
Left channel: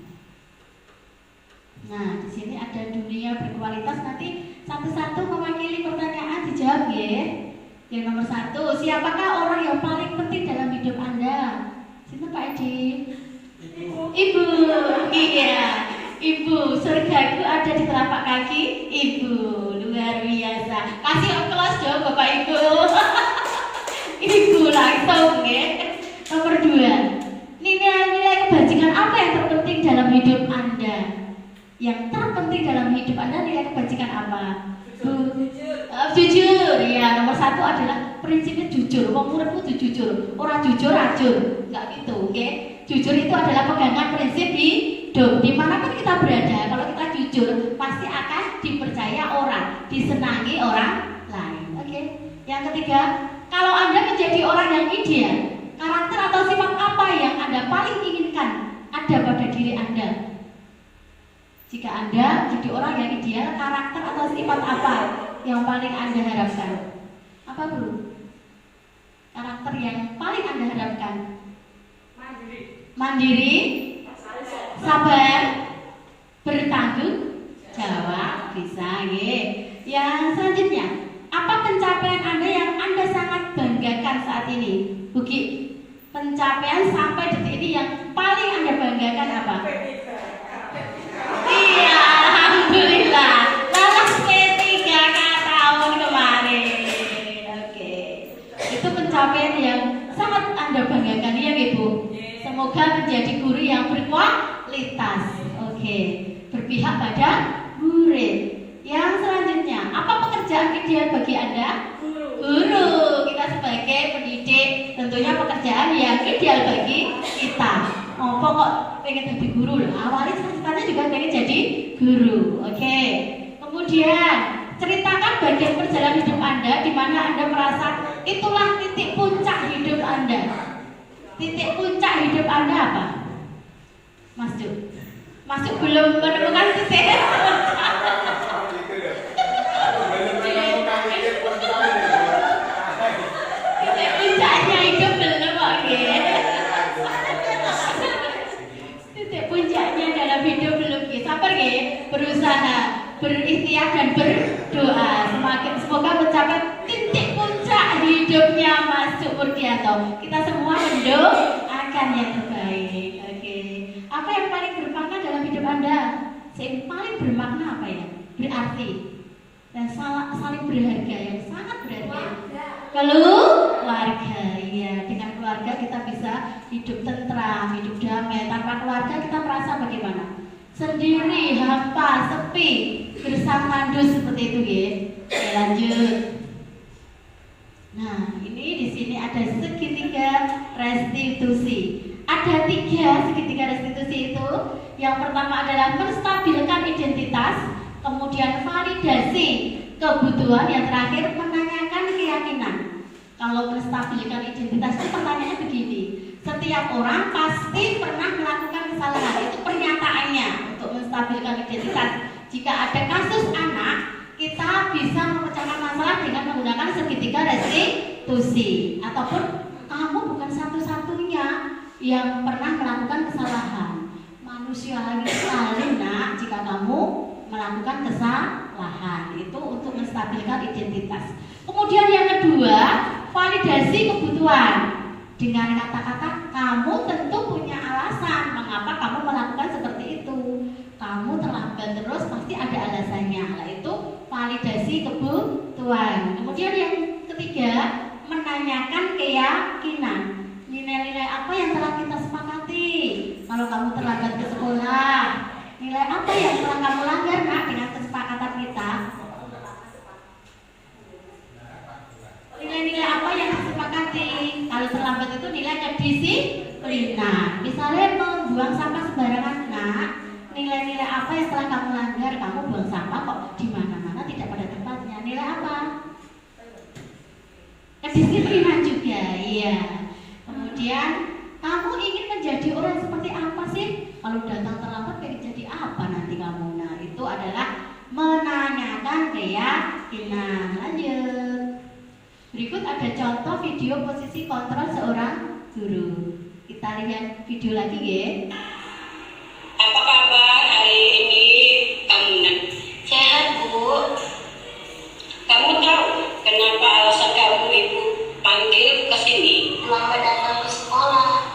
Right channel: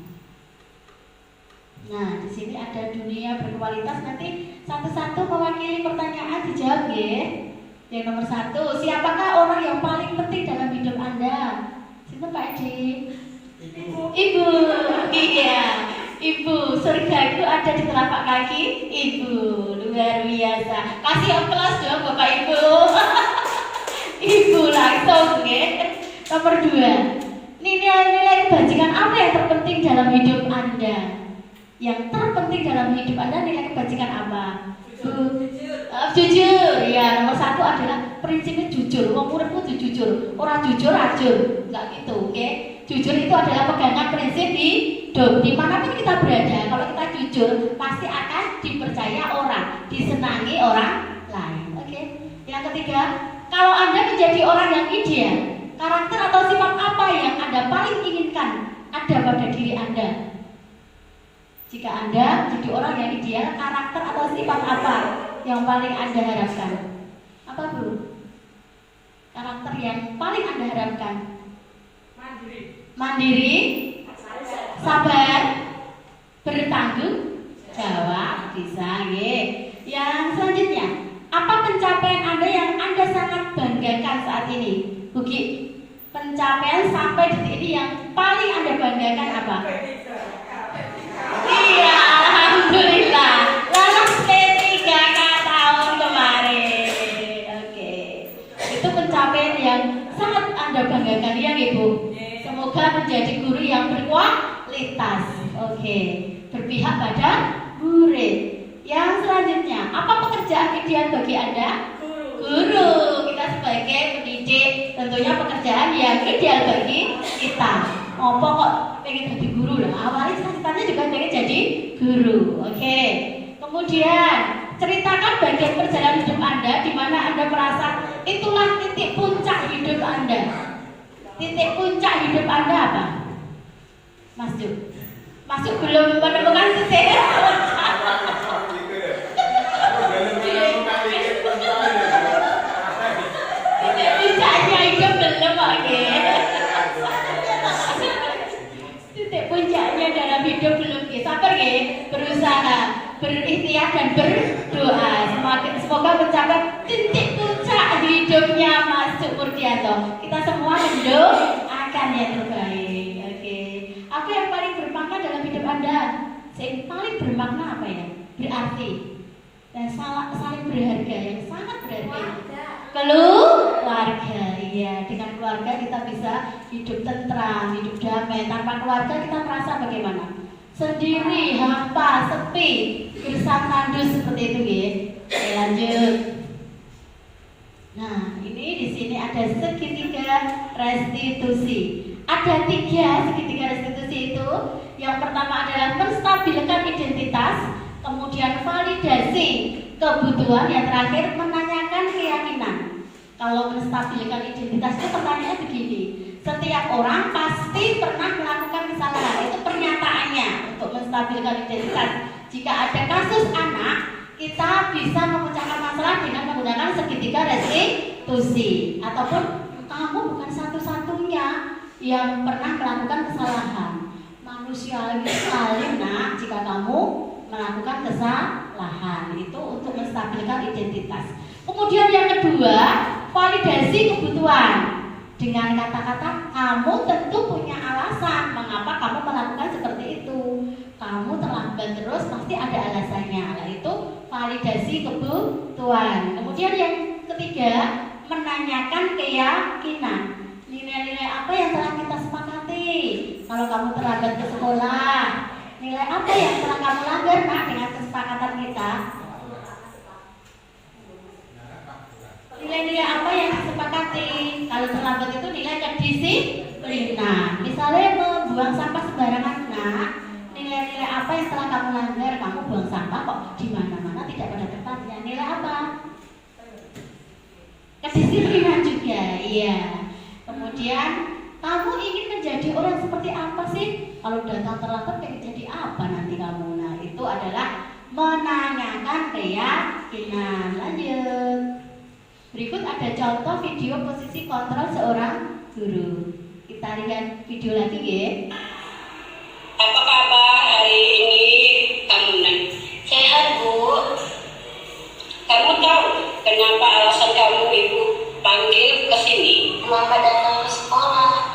Nah, di sini ada dunia berkualitas. Nanti satu-satu mewakili pertanyaan dijawab ya. Yang nomor 1, siapakah orang yang paling penting dalam hidup Anda? Sini Pak Edi. Ibu. Iya. Ibu. Surga itu ada di telapak kaki ibu. Luar biasa. Kasih aplaus dong Bapak Ibu. Ibu langsung ya. Nomor 2, nilai-nilai kebajikan apa yang terpenting dalam hidup Anda? Yang terpenting dalam hidup Anda nilai kebajikan apa? Jujur. Ya, nomor 1 adalah prinsipnya jujur. Wong murid kudu jujur. Orang jujur racun. Enggak gitu, oke? Jujur itu adalah pegangan prinsip hidup. Dimanapun kita berada, kalau kita jujur pasti akan dipercaya orang, disenangi orang lain. Oke? Yang ketiga, kalau Anda menjadi orang yang ideal, karakter atau sifat apa yang Anda paling inginkan ada pada diri Anda? Jika Anda jadi orang yang ideal, karakter atau sifat apa yang paling Anda harapkan? Apa dulu? Karakter yang paling Anda harapkan? Mandiri, sabar, bertanggung jawab, bisa ya. Yang selanjutnya, apa pencapaian Anda yang Anda sangat banggakan saat ini? Buki, pencapaian sampai detik ini yang paling Anda banggakan apa? Iya, alhamdulillah lolos P3-nya tahun kemarin. Oke, itu pencapaian yang sangat Anda banggakan ya Ibu. Semoga menjadi guru yang berkualitas. Oke, berpihak pada murid. Yang selanjutnya, apa pekerjaan ideal bagi Anda? Guru. Kita sebagai pendidik tentunya pekerjaan yang ideal bagi kita. Ngopo kok pengen jadi guru lah. Awalnya ceritanya juga pengen jadi guru. Oke. Kemudian ceritakan bagian perjalanan hidup Anda di mana Anda merasa itulah titik puncak hidup Anda. Titik puncak hidup Anda apa? Masuk belum menemukan titik. Titik puncaknya hidup belum Pak. Titik puncaknya dalam hidup belum. Sabar ya, berusaha, berikhtiar dan berdoa. Semoga mencapai titik puncak hidupnya Mas Sukurdianto. Kita semua mendoakan yang terbaik. Oke. Apa yang paling bermakna dalam hidup Anda? Yang paling bermakna apa ya? Berarti dan saling berharga, yang sangat berharga. Keluarga, ya. Dengan keluarga kita bisa hidup tentram, hidup damai. Tanpa keluarga kita merasa bagaimana? Sendiri, hampa, sepi, gersang kandus seperti itu ya. Oke, lanjut. Nah, ini di sini ada segitiga restitusi. Ada 3 segitiga restitusi itu. Yang pertama adalah menstabilkan identitas, kemudian validasi kebutuhan, yang terakhir menanyakan keyakinan. Kalau menstabilkan identitas itu pertanyaannya begini. Setiap orang pasti pernah melakukan kesalahan, itu pernyataannya untuk menstabilkan identitas. Jika ada kasus anak, kita bisa memecahkan masalah dengan menggunakan segitiga restitusi. Ataupun kamu bukan satu-satunya yang pernah melakukan kesalahan. Manusiawi sekali nak jika kamu melakukan kesalahan. Itu untuk menstabilkan identitas. Kemudian yang kedua, validasi kebutuhan. Dengan kata-kata kamu tentu punya alasan mengapa kamu melakukan seperti itu. Kamu terlambat terus pasti ada alasannya. Nah, itu validasi kebutuhan. Kemudian yang ketiga, menanyakan keyakinan. Nilai-nilai apa yang telah kita sepakati? Kalau kamu terlambat ke sekolah, nilai apa yang telah kamu langgar nak dengan kesepakatan kita? Nilai-nilai apa yang disepakati? Kalau terlambat itu nilai kedisiplinan. Misalnya membuang sampah sembarangan nak, nilai-nilai apa yang telah kamu langgar? Kamu buang sampah kok di mana-mana tidak pada tempatnya. Nilai apa? Kedisiplinan juga, iya. Kemudian kamu ingin menjadi orang seperti apa sih? Kalau datang terlambat pengen jadi apa nanti kamu? Nah, itu adalah menanyakan keyakinan. Lanjut. Berikut ada contoh video posisi kontrol seorang guru. Kita lihat video lagi ya. Apa kabar hari ini kamu Nan? Sehat Bu. Kamu tahu kenapa alasan kamu ibu panggil ke sini? Lambat datang ke sekolah.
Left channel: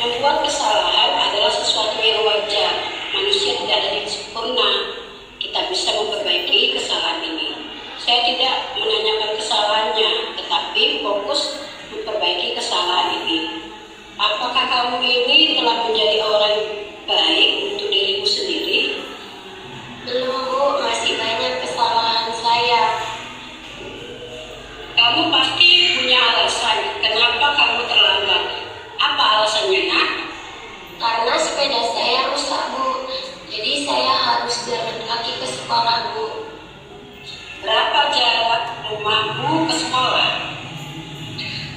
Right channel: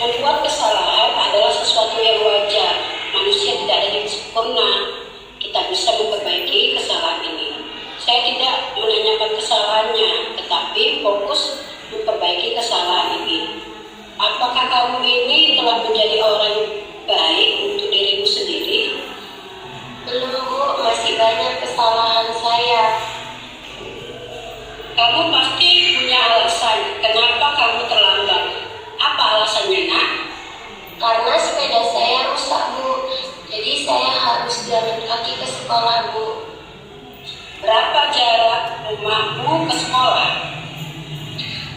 Membuat kesalahan adalah sesuatu yang wajar. Manusia tidak ada yang sempurna. Kita bisa memperbaiki kesalahan ini. Saya tidak menanyakan kesalahannya, tetapi fokus memperbaiki kesalahan ini. Apakah kamu ini telah menjadi orang baik untuk dirimu sendiri? Belum Bu, masih banyak kesalahan saya. Kamu pasti punya alasan kenapa kamu terlambat. Apa alasannya nak? Karena sepeda saya rusak Bu, jadi saya harus jalan kaki ke sekolah Bu. Berapa jarak rumahmu ke sekolah?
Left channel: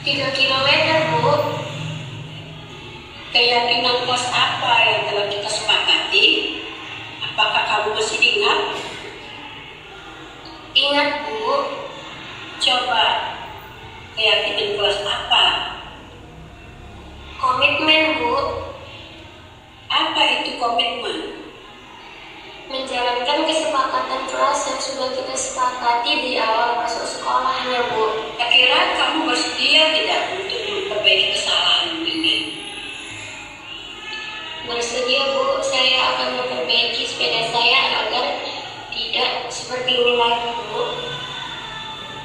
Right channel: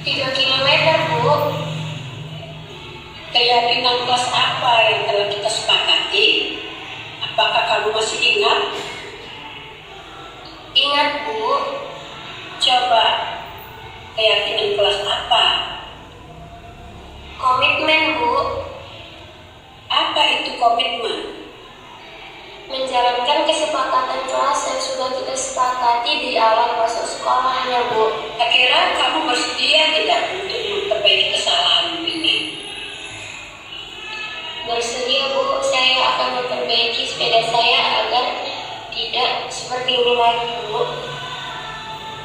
3 km Bu. keyakinan kelas apa yang telah kita sepakati? Apakah kamu masih ingat? Ingat, Bu. Coba, keyakinan kelas apa? Komitmen, Bu. Apa itu komitmen? Menjalankan kesepakatan kelas yang sudah kita sepakati di awal masuk sekolah ya, Bu. Akhirnya kamu bersedia tidak untuk memperbaiki kesalahan ini? Bersedia, Bu. Saya akan memperbaiki sepeda saya agar tidak seperti ini lagi, Bu.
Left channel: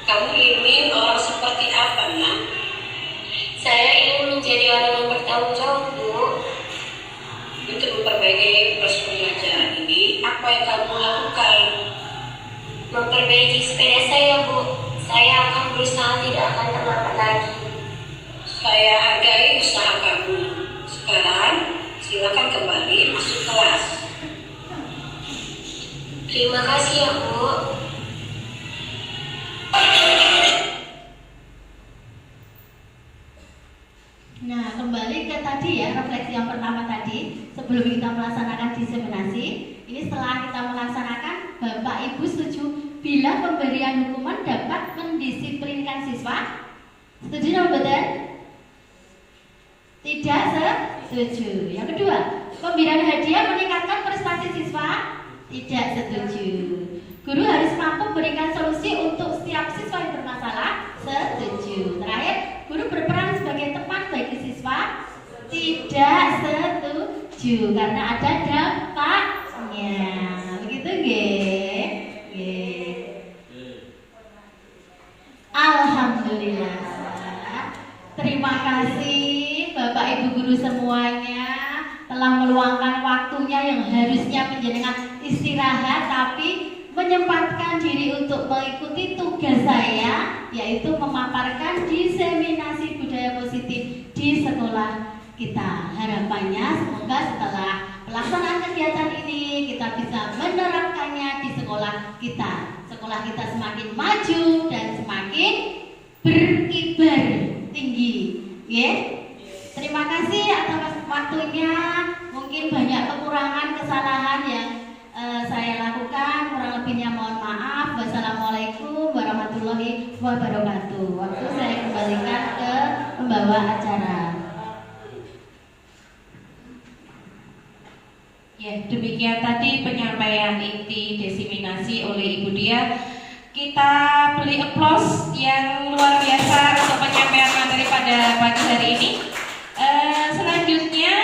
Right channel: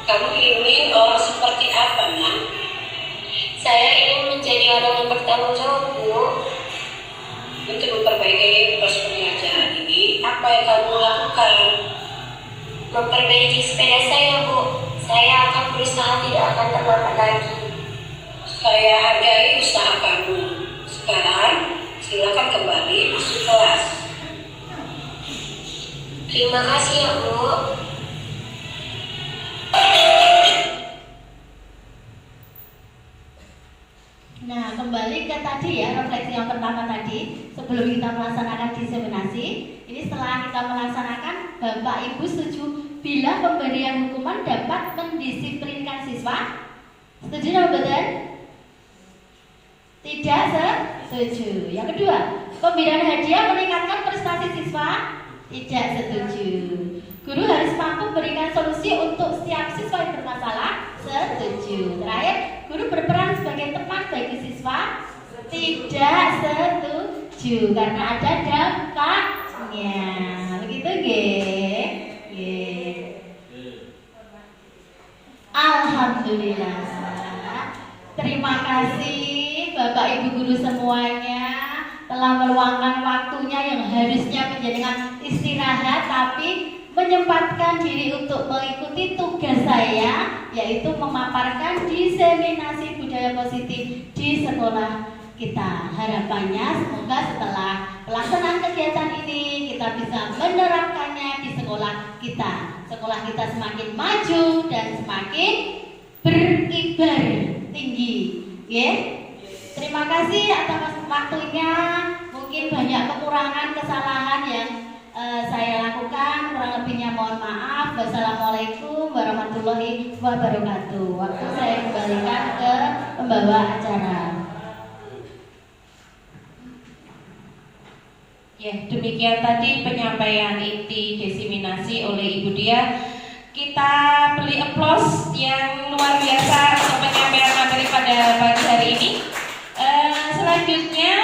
Kamu ingin orang seperti apa, Nak? Saya ingin menjadi orang yang bertanggung jawab, Bu. Untuk memperbaiki proses pembelajaran ini, apa yang kamu lakukan? Memperbaiki sepeda saya, Bu. Saya akan berusaha tidak akan terlambat lagi. Saya hargai usaha kamu. Sekarang, silakan kembali masuk kelas. Terima kasih ya, Bu. Nah, kembali ke tadi ya, refleksi yang pertama tadi, sebelum kita melaksanakan diseminasi. Ini setelah kita melaksanakan, Bapak Ibu setuju bila pemberian hukuman dapat mendisiplinkan siswa? Setuju atau betul? Tidak setuju. Yang kedua, pemberian hadiah meningkatkan prestasi siswa? Tidak setuju. Guru harus mampu memberikan solusi untuk setiap siswa yang bermasalah? Setuju. Terakhir, guru berperan sebagai teman bagi siswa? Tidak setuju, karena ada dampaknya. Begitu nggih? Nggih. Alhamdulillah. Terima kasih Bapak Ibu guru semuanya telah meluangkan waktunya yang harusnya menjadikan istirahat, tapi menyempatkan diri untuk mengikuti tugas saya, yaitu memaparkan diseminasi budaya positif di sekolah kita. Harapannya semoga setelah pelaksanaan kegiatan ini kita bisa menerapkannya di sekolah kita. Sekolah kita semakin maju dan semakin berkibar tinggi. Ya. Terima kasih atas waktunya. Mungkin banyak kekurangan, kesalahan yang saya lakukan, kurang lebihnya mohon maaf. Wassalamualaikum warahmatullahi wabarakatuh. Waktu saya kembalikan ke pembawa acara. Ya, demikian tadi penyampaian inti diseminasi oleh Ibu Dia. Kita beri aplaus yang luar biasa untuk penyampaian materi pada pagi hari ini. Selanjutnya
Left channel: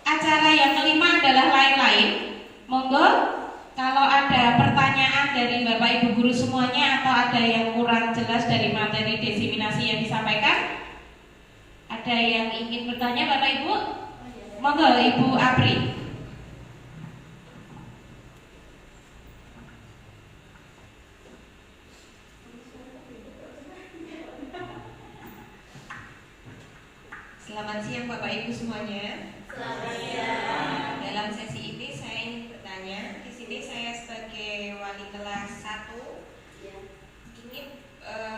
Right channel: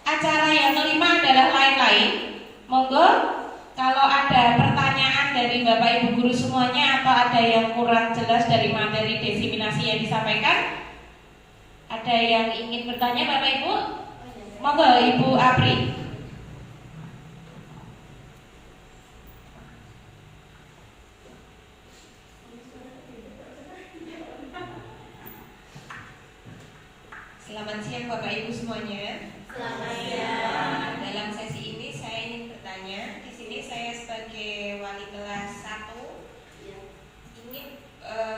acara yang kelima adalah lain-lain. Monggo kalau ada pertanyaan dari Bapak Ibu guru semuanya atau ada yang kurang jelas dari materi diseminasi yang disampaikan, ada yang ingin bertanya Bapak Ibu? Monggo Ibu Apri. Selamat siang Bapak Ibu semuanya. Selamat siang. Dalam sesi ini saya ingin bertanya. Di sini saya sebagai wali kelas 1 ingin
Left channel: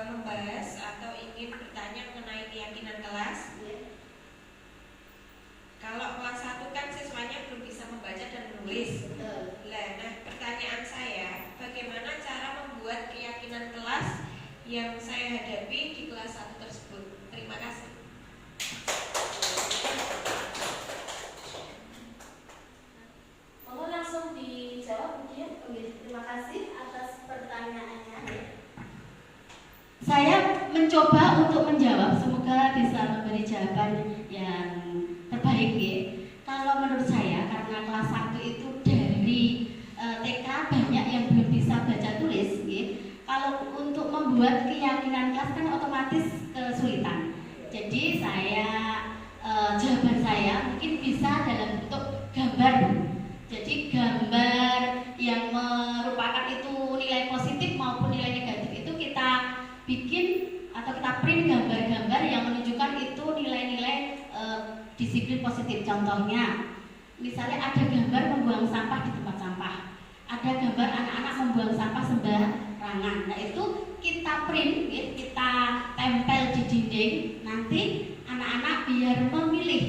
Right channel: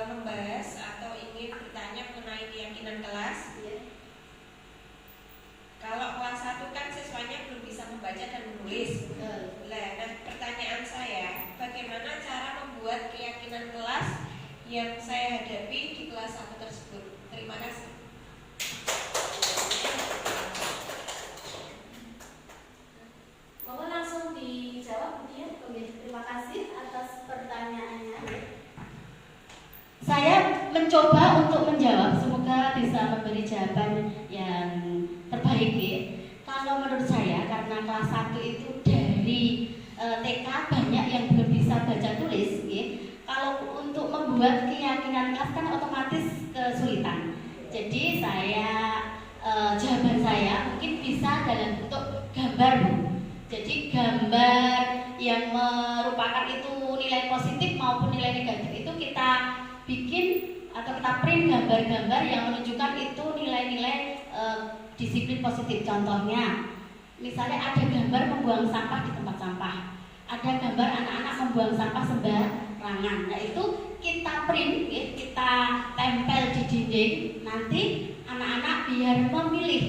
membahas atau ingin bertanya mengenai keyakinan kelas. Kalau kelas 1 kan siswanya belum bisa membaca dan menulis. Nah, pertanyaan saya, bagaimana cara membuat keyakinan kelas yang saya hadapi di kelas 1 tersebut? Terima kasih. Mohon langsung dijawab, Bu Dia. Terima kasih atas pertanyaannya. Saya mencoba untuk menjawab, semoga bisa memberi jawaban yang terbaik ya. Kalau menurut saya, karena kelas 1 itu dari TK banyak yang belum bisa baca tulis ya. Kalau untuk membuat keyakinan kelas kan otomatis kesulitan. Jadi jawaban saya mungkin bisa dalam bentuk gambar. Jadi gambar yang merupakan itu nilai positif maupun nilai negatif itu kita bikin atau kita print gambar-gambar yang menunjukkan itu nilai-nilai disiplin positif. Contohnya, misalnya ada gambar membuang sampah di tempat sampah, ada gambar anak-anak membuang sampah sembarangan. Nah itu kita print, ya, kita tempel di dinding. Nanti anak-anak biar memilih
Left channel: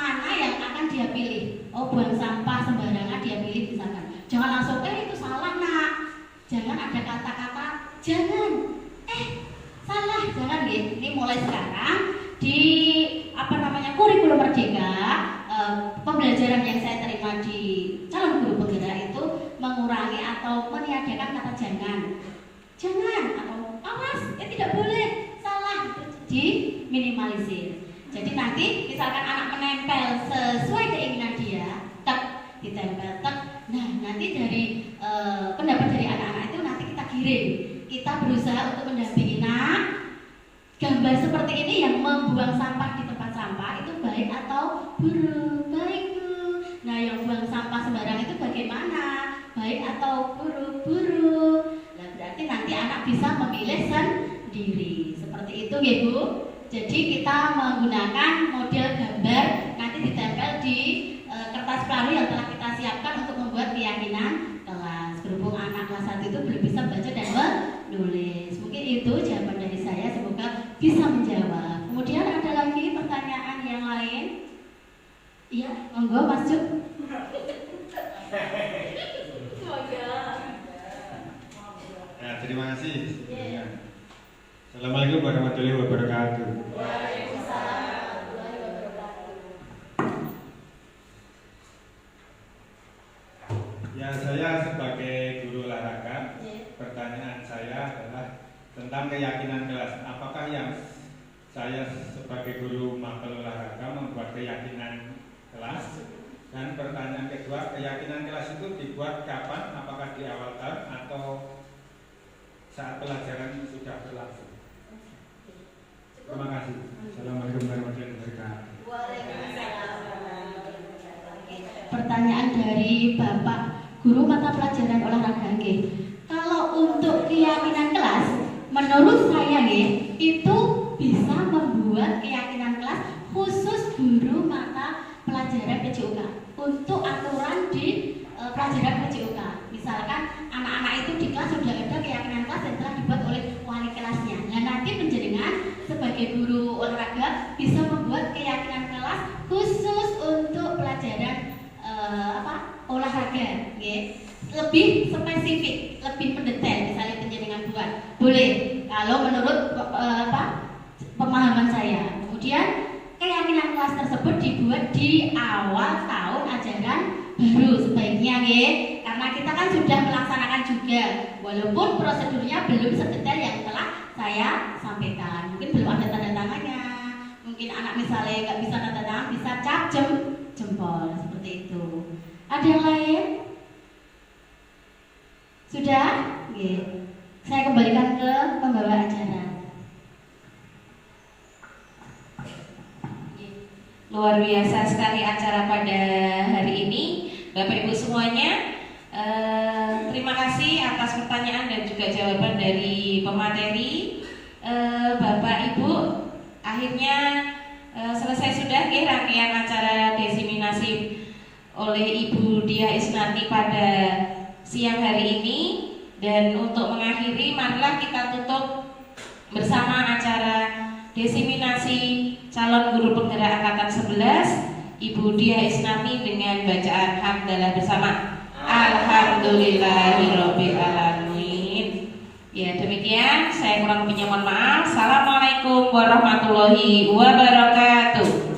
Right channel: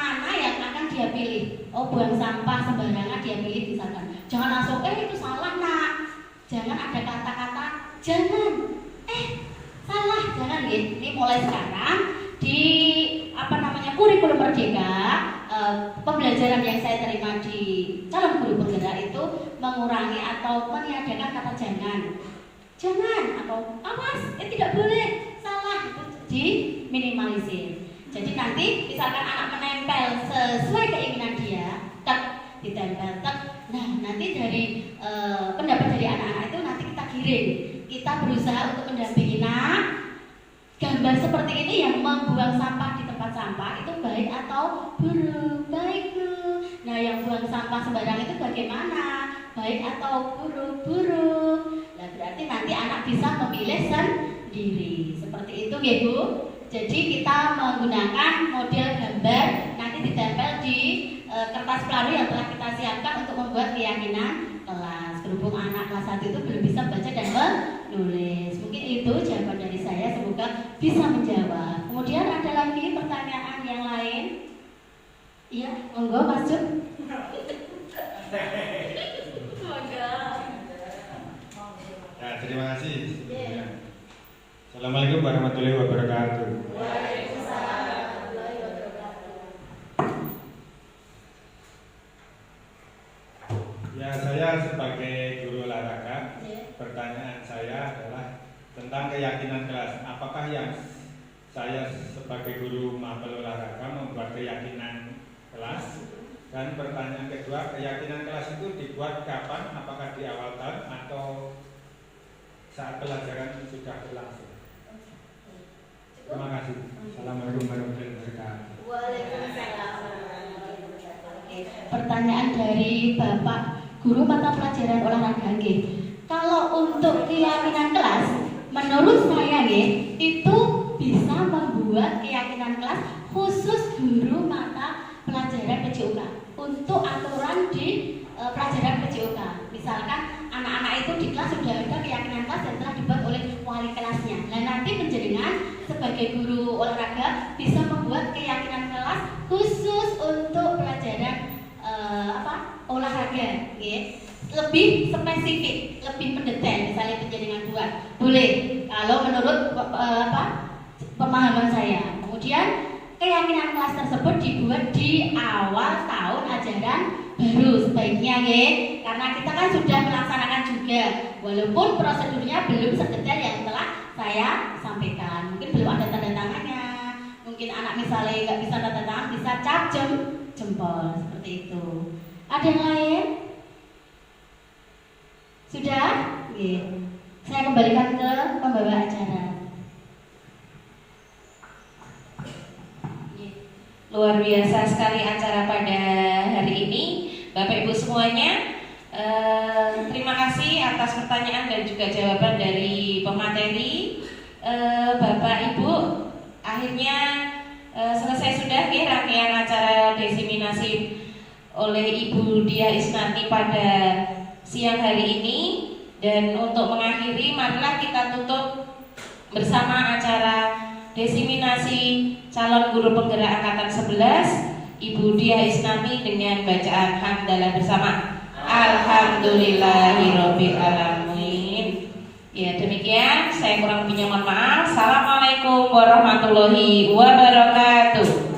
mana yang akan dia pilih. Oh, buang sampah sembarangan dia pilih misalkan. Jangan langsung itu salah nak. Jangan ada kata-kata jangan. Salah, jangan ya. Ini mulai sekarang di kurikulum Merdeka, pembelajaran yang saya terima di calon guru penggerak itu mengurangi atau meniadakan kata jangan atau awas, tidak boleh, salah, itu diminimalisir. Jadi nanti misalkan anak menempel sesuai keinginan dia, ditempel nah nanti dari pendapat dari anak-anak itu nanti kita kirim, kita berusaha untuk mendampingi gambar seperti ini yang membuang sampah di tempat sampah itu baik atau buruk? Baik Bu. Nah yang buang sampah sembarang itu bagaimana? Baik atau buruk? Nah berarti nanti anak bisa memilih sendiri. Seperti itu ya Bu. Jadi kita menggunakan model gambar nanti ditempel di kertas pelari yang telah kita siapkan untuk membuat keyakinan kelas. Berhubung anak kelas 1 itu belum bisa baca dan menulis. Mungkin itu jawaban dari saya, semoga bisa menjawab. Kemudian ada lagi pertanyaan yang lain? Iya, monggo Mas Jun. Ya, terima kasih. Assalamualaikum warahmatullahi wabarakatuh. Ya, saya sebagai guru olahraga, pertanyaan saya adalah tentang keyakinan kelas. Apakah yang saya sebagai guru mapel olahraga membuat keyakinan kelas? Dan pertanyaan kedua, keyakinan kelas itu dibuat kapan? Apakah di awal tahun atau saat pelajaran sudah berlangsung? Terima kasih. Assalamualaikum warahmatullahi wabarakatuh. Pertanyaan dari Bapak Guru mata pelajaran olahraga nggih. Kalau untuk keyakinan kelas, menurut saya nggih, itu bisa membuat keyakinan kelas khusus guru mata pelajaran PJOK untuk aturan di pelajaran PJOK. Misalkan anak-anak itu di kelas sudah ada keyakinan kelas yang telah dibuat oleh wali kelasnya. Nah nanti penjaringan sebagai guru olahraga bisa membuat keyakinan kelas khusus untuk pelajaran olahraga, lebih spesifik, lebih mendetail, misalnya penjaringan buat boleh kalau menurut pemahaman saya. Kemudian keyakinan kelas tersebut dibuat di awal tahun ajaran baru sebaiknya karena kita kan sudah melaksanakan juga, walaupun prosedurnya belum sedetail yang telah saya sampaikan. Mungkin belum ada tanda tangannya, mungkin anak misalnya nggak bisa tanda tangan, bisa cap jempol seperti itu. Ada yang lain? Sudah? Saya kembalikan ke pembawa acara. Luar biasa sekali acara pada hari ini, Bapak Ibu semuanya. Terima kasih atas pertanyaan dan juga jawaban dari pemateri. Bapak Ibu, akhirnya selesai sudah rangkaian acara desiminasi oleh Ibu Diah Isnati pada siang hari ini. Dan untuk mengakhiri, marilah kita tutup bersama acara desiminasi calon guru penggerak angkatan 11 Ibu Diah Isnati dengan bacaan hamdalah bersama. Alhamdulillahirabbil alamin. Ya demikian, saya kurang lebihnya mohon maaf. Assalamualaikum warahmatullahi wabarakatuh.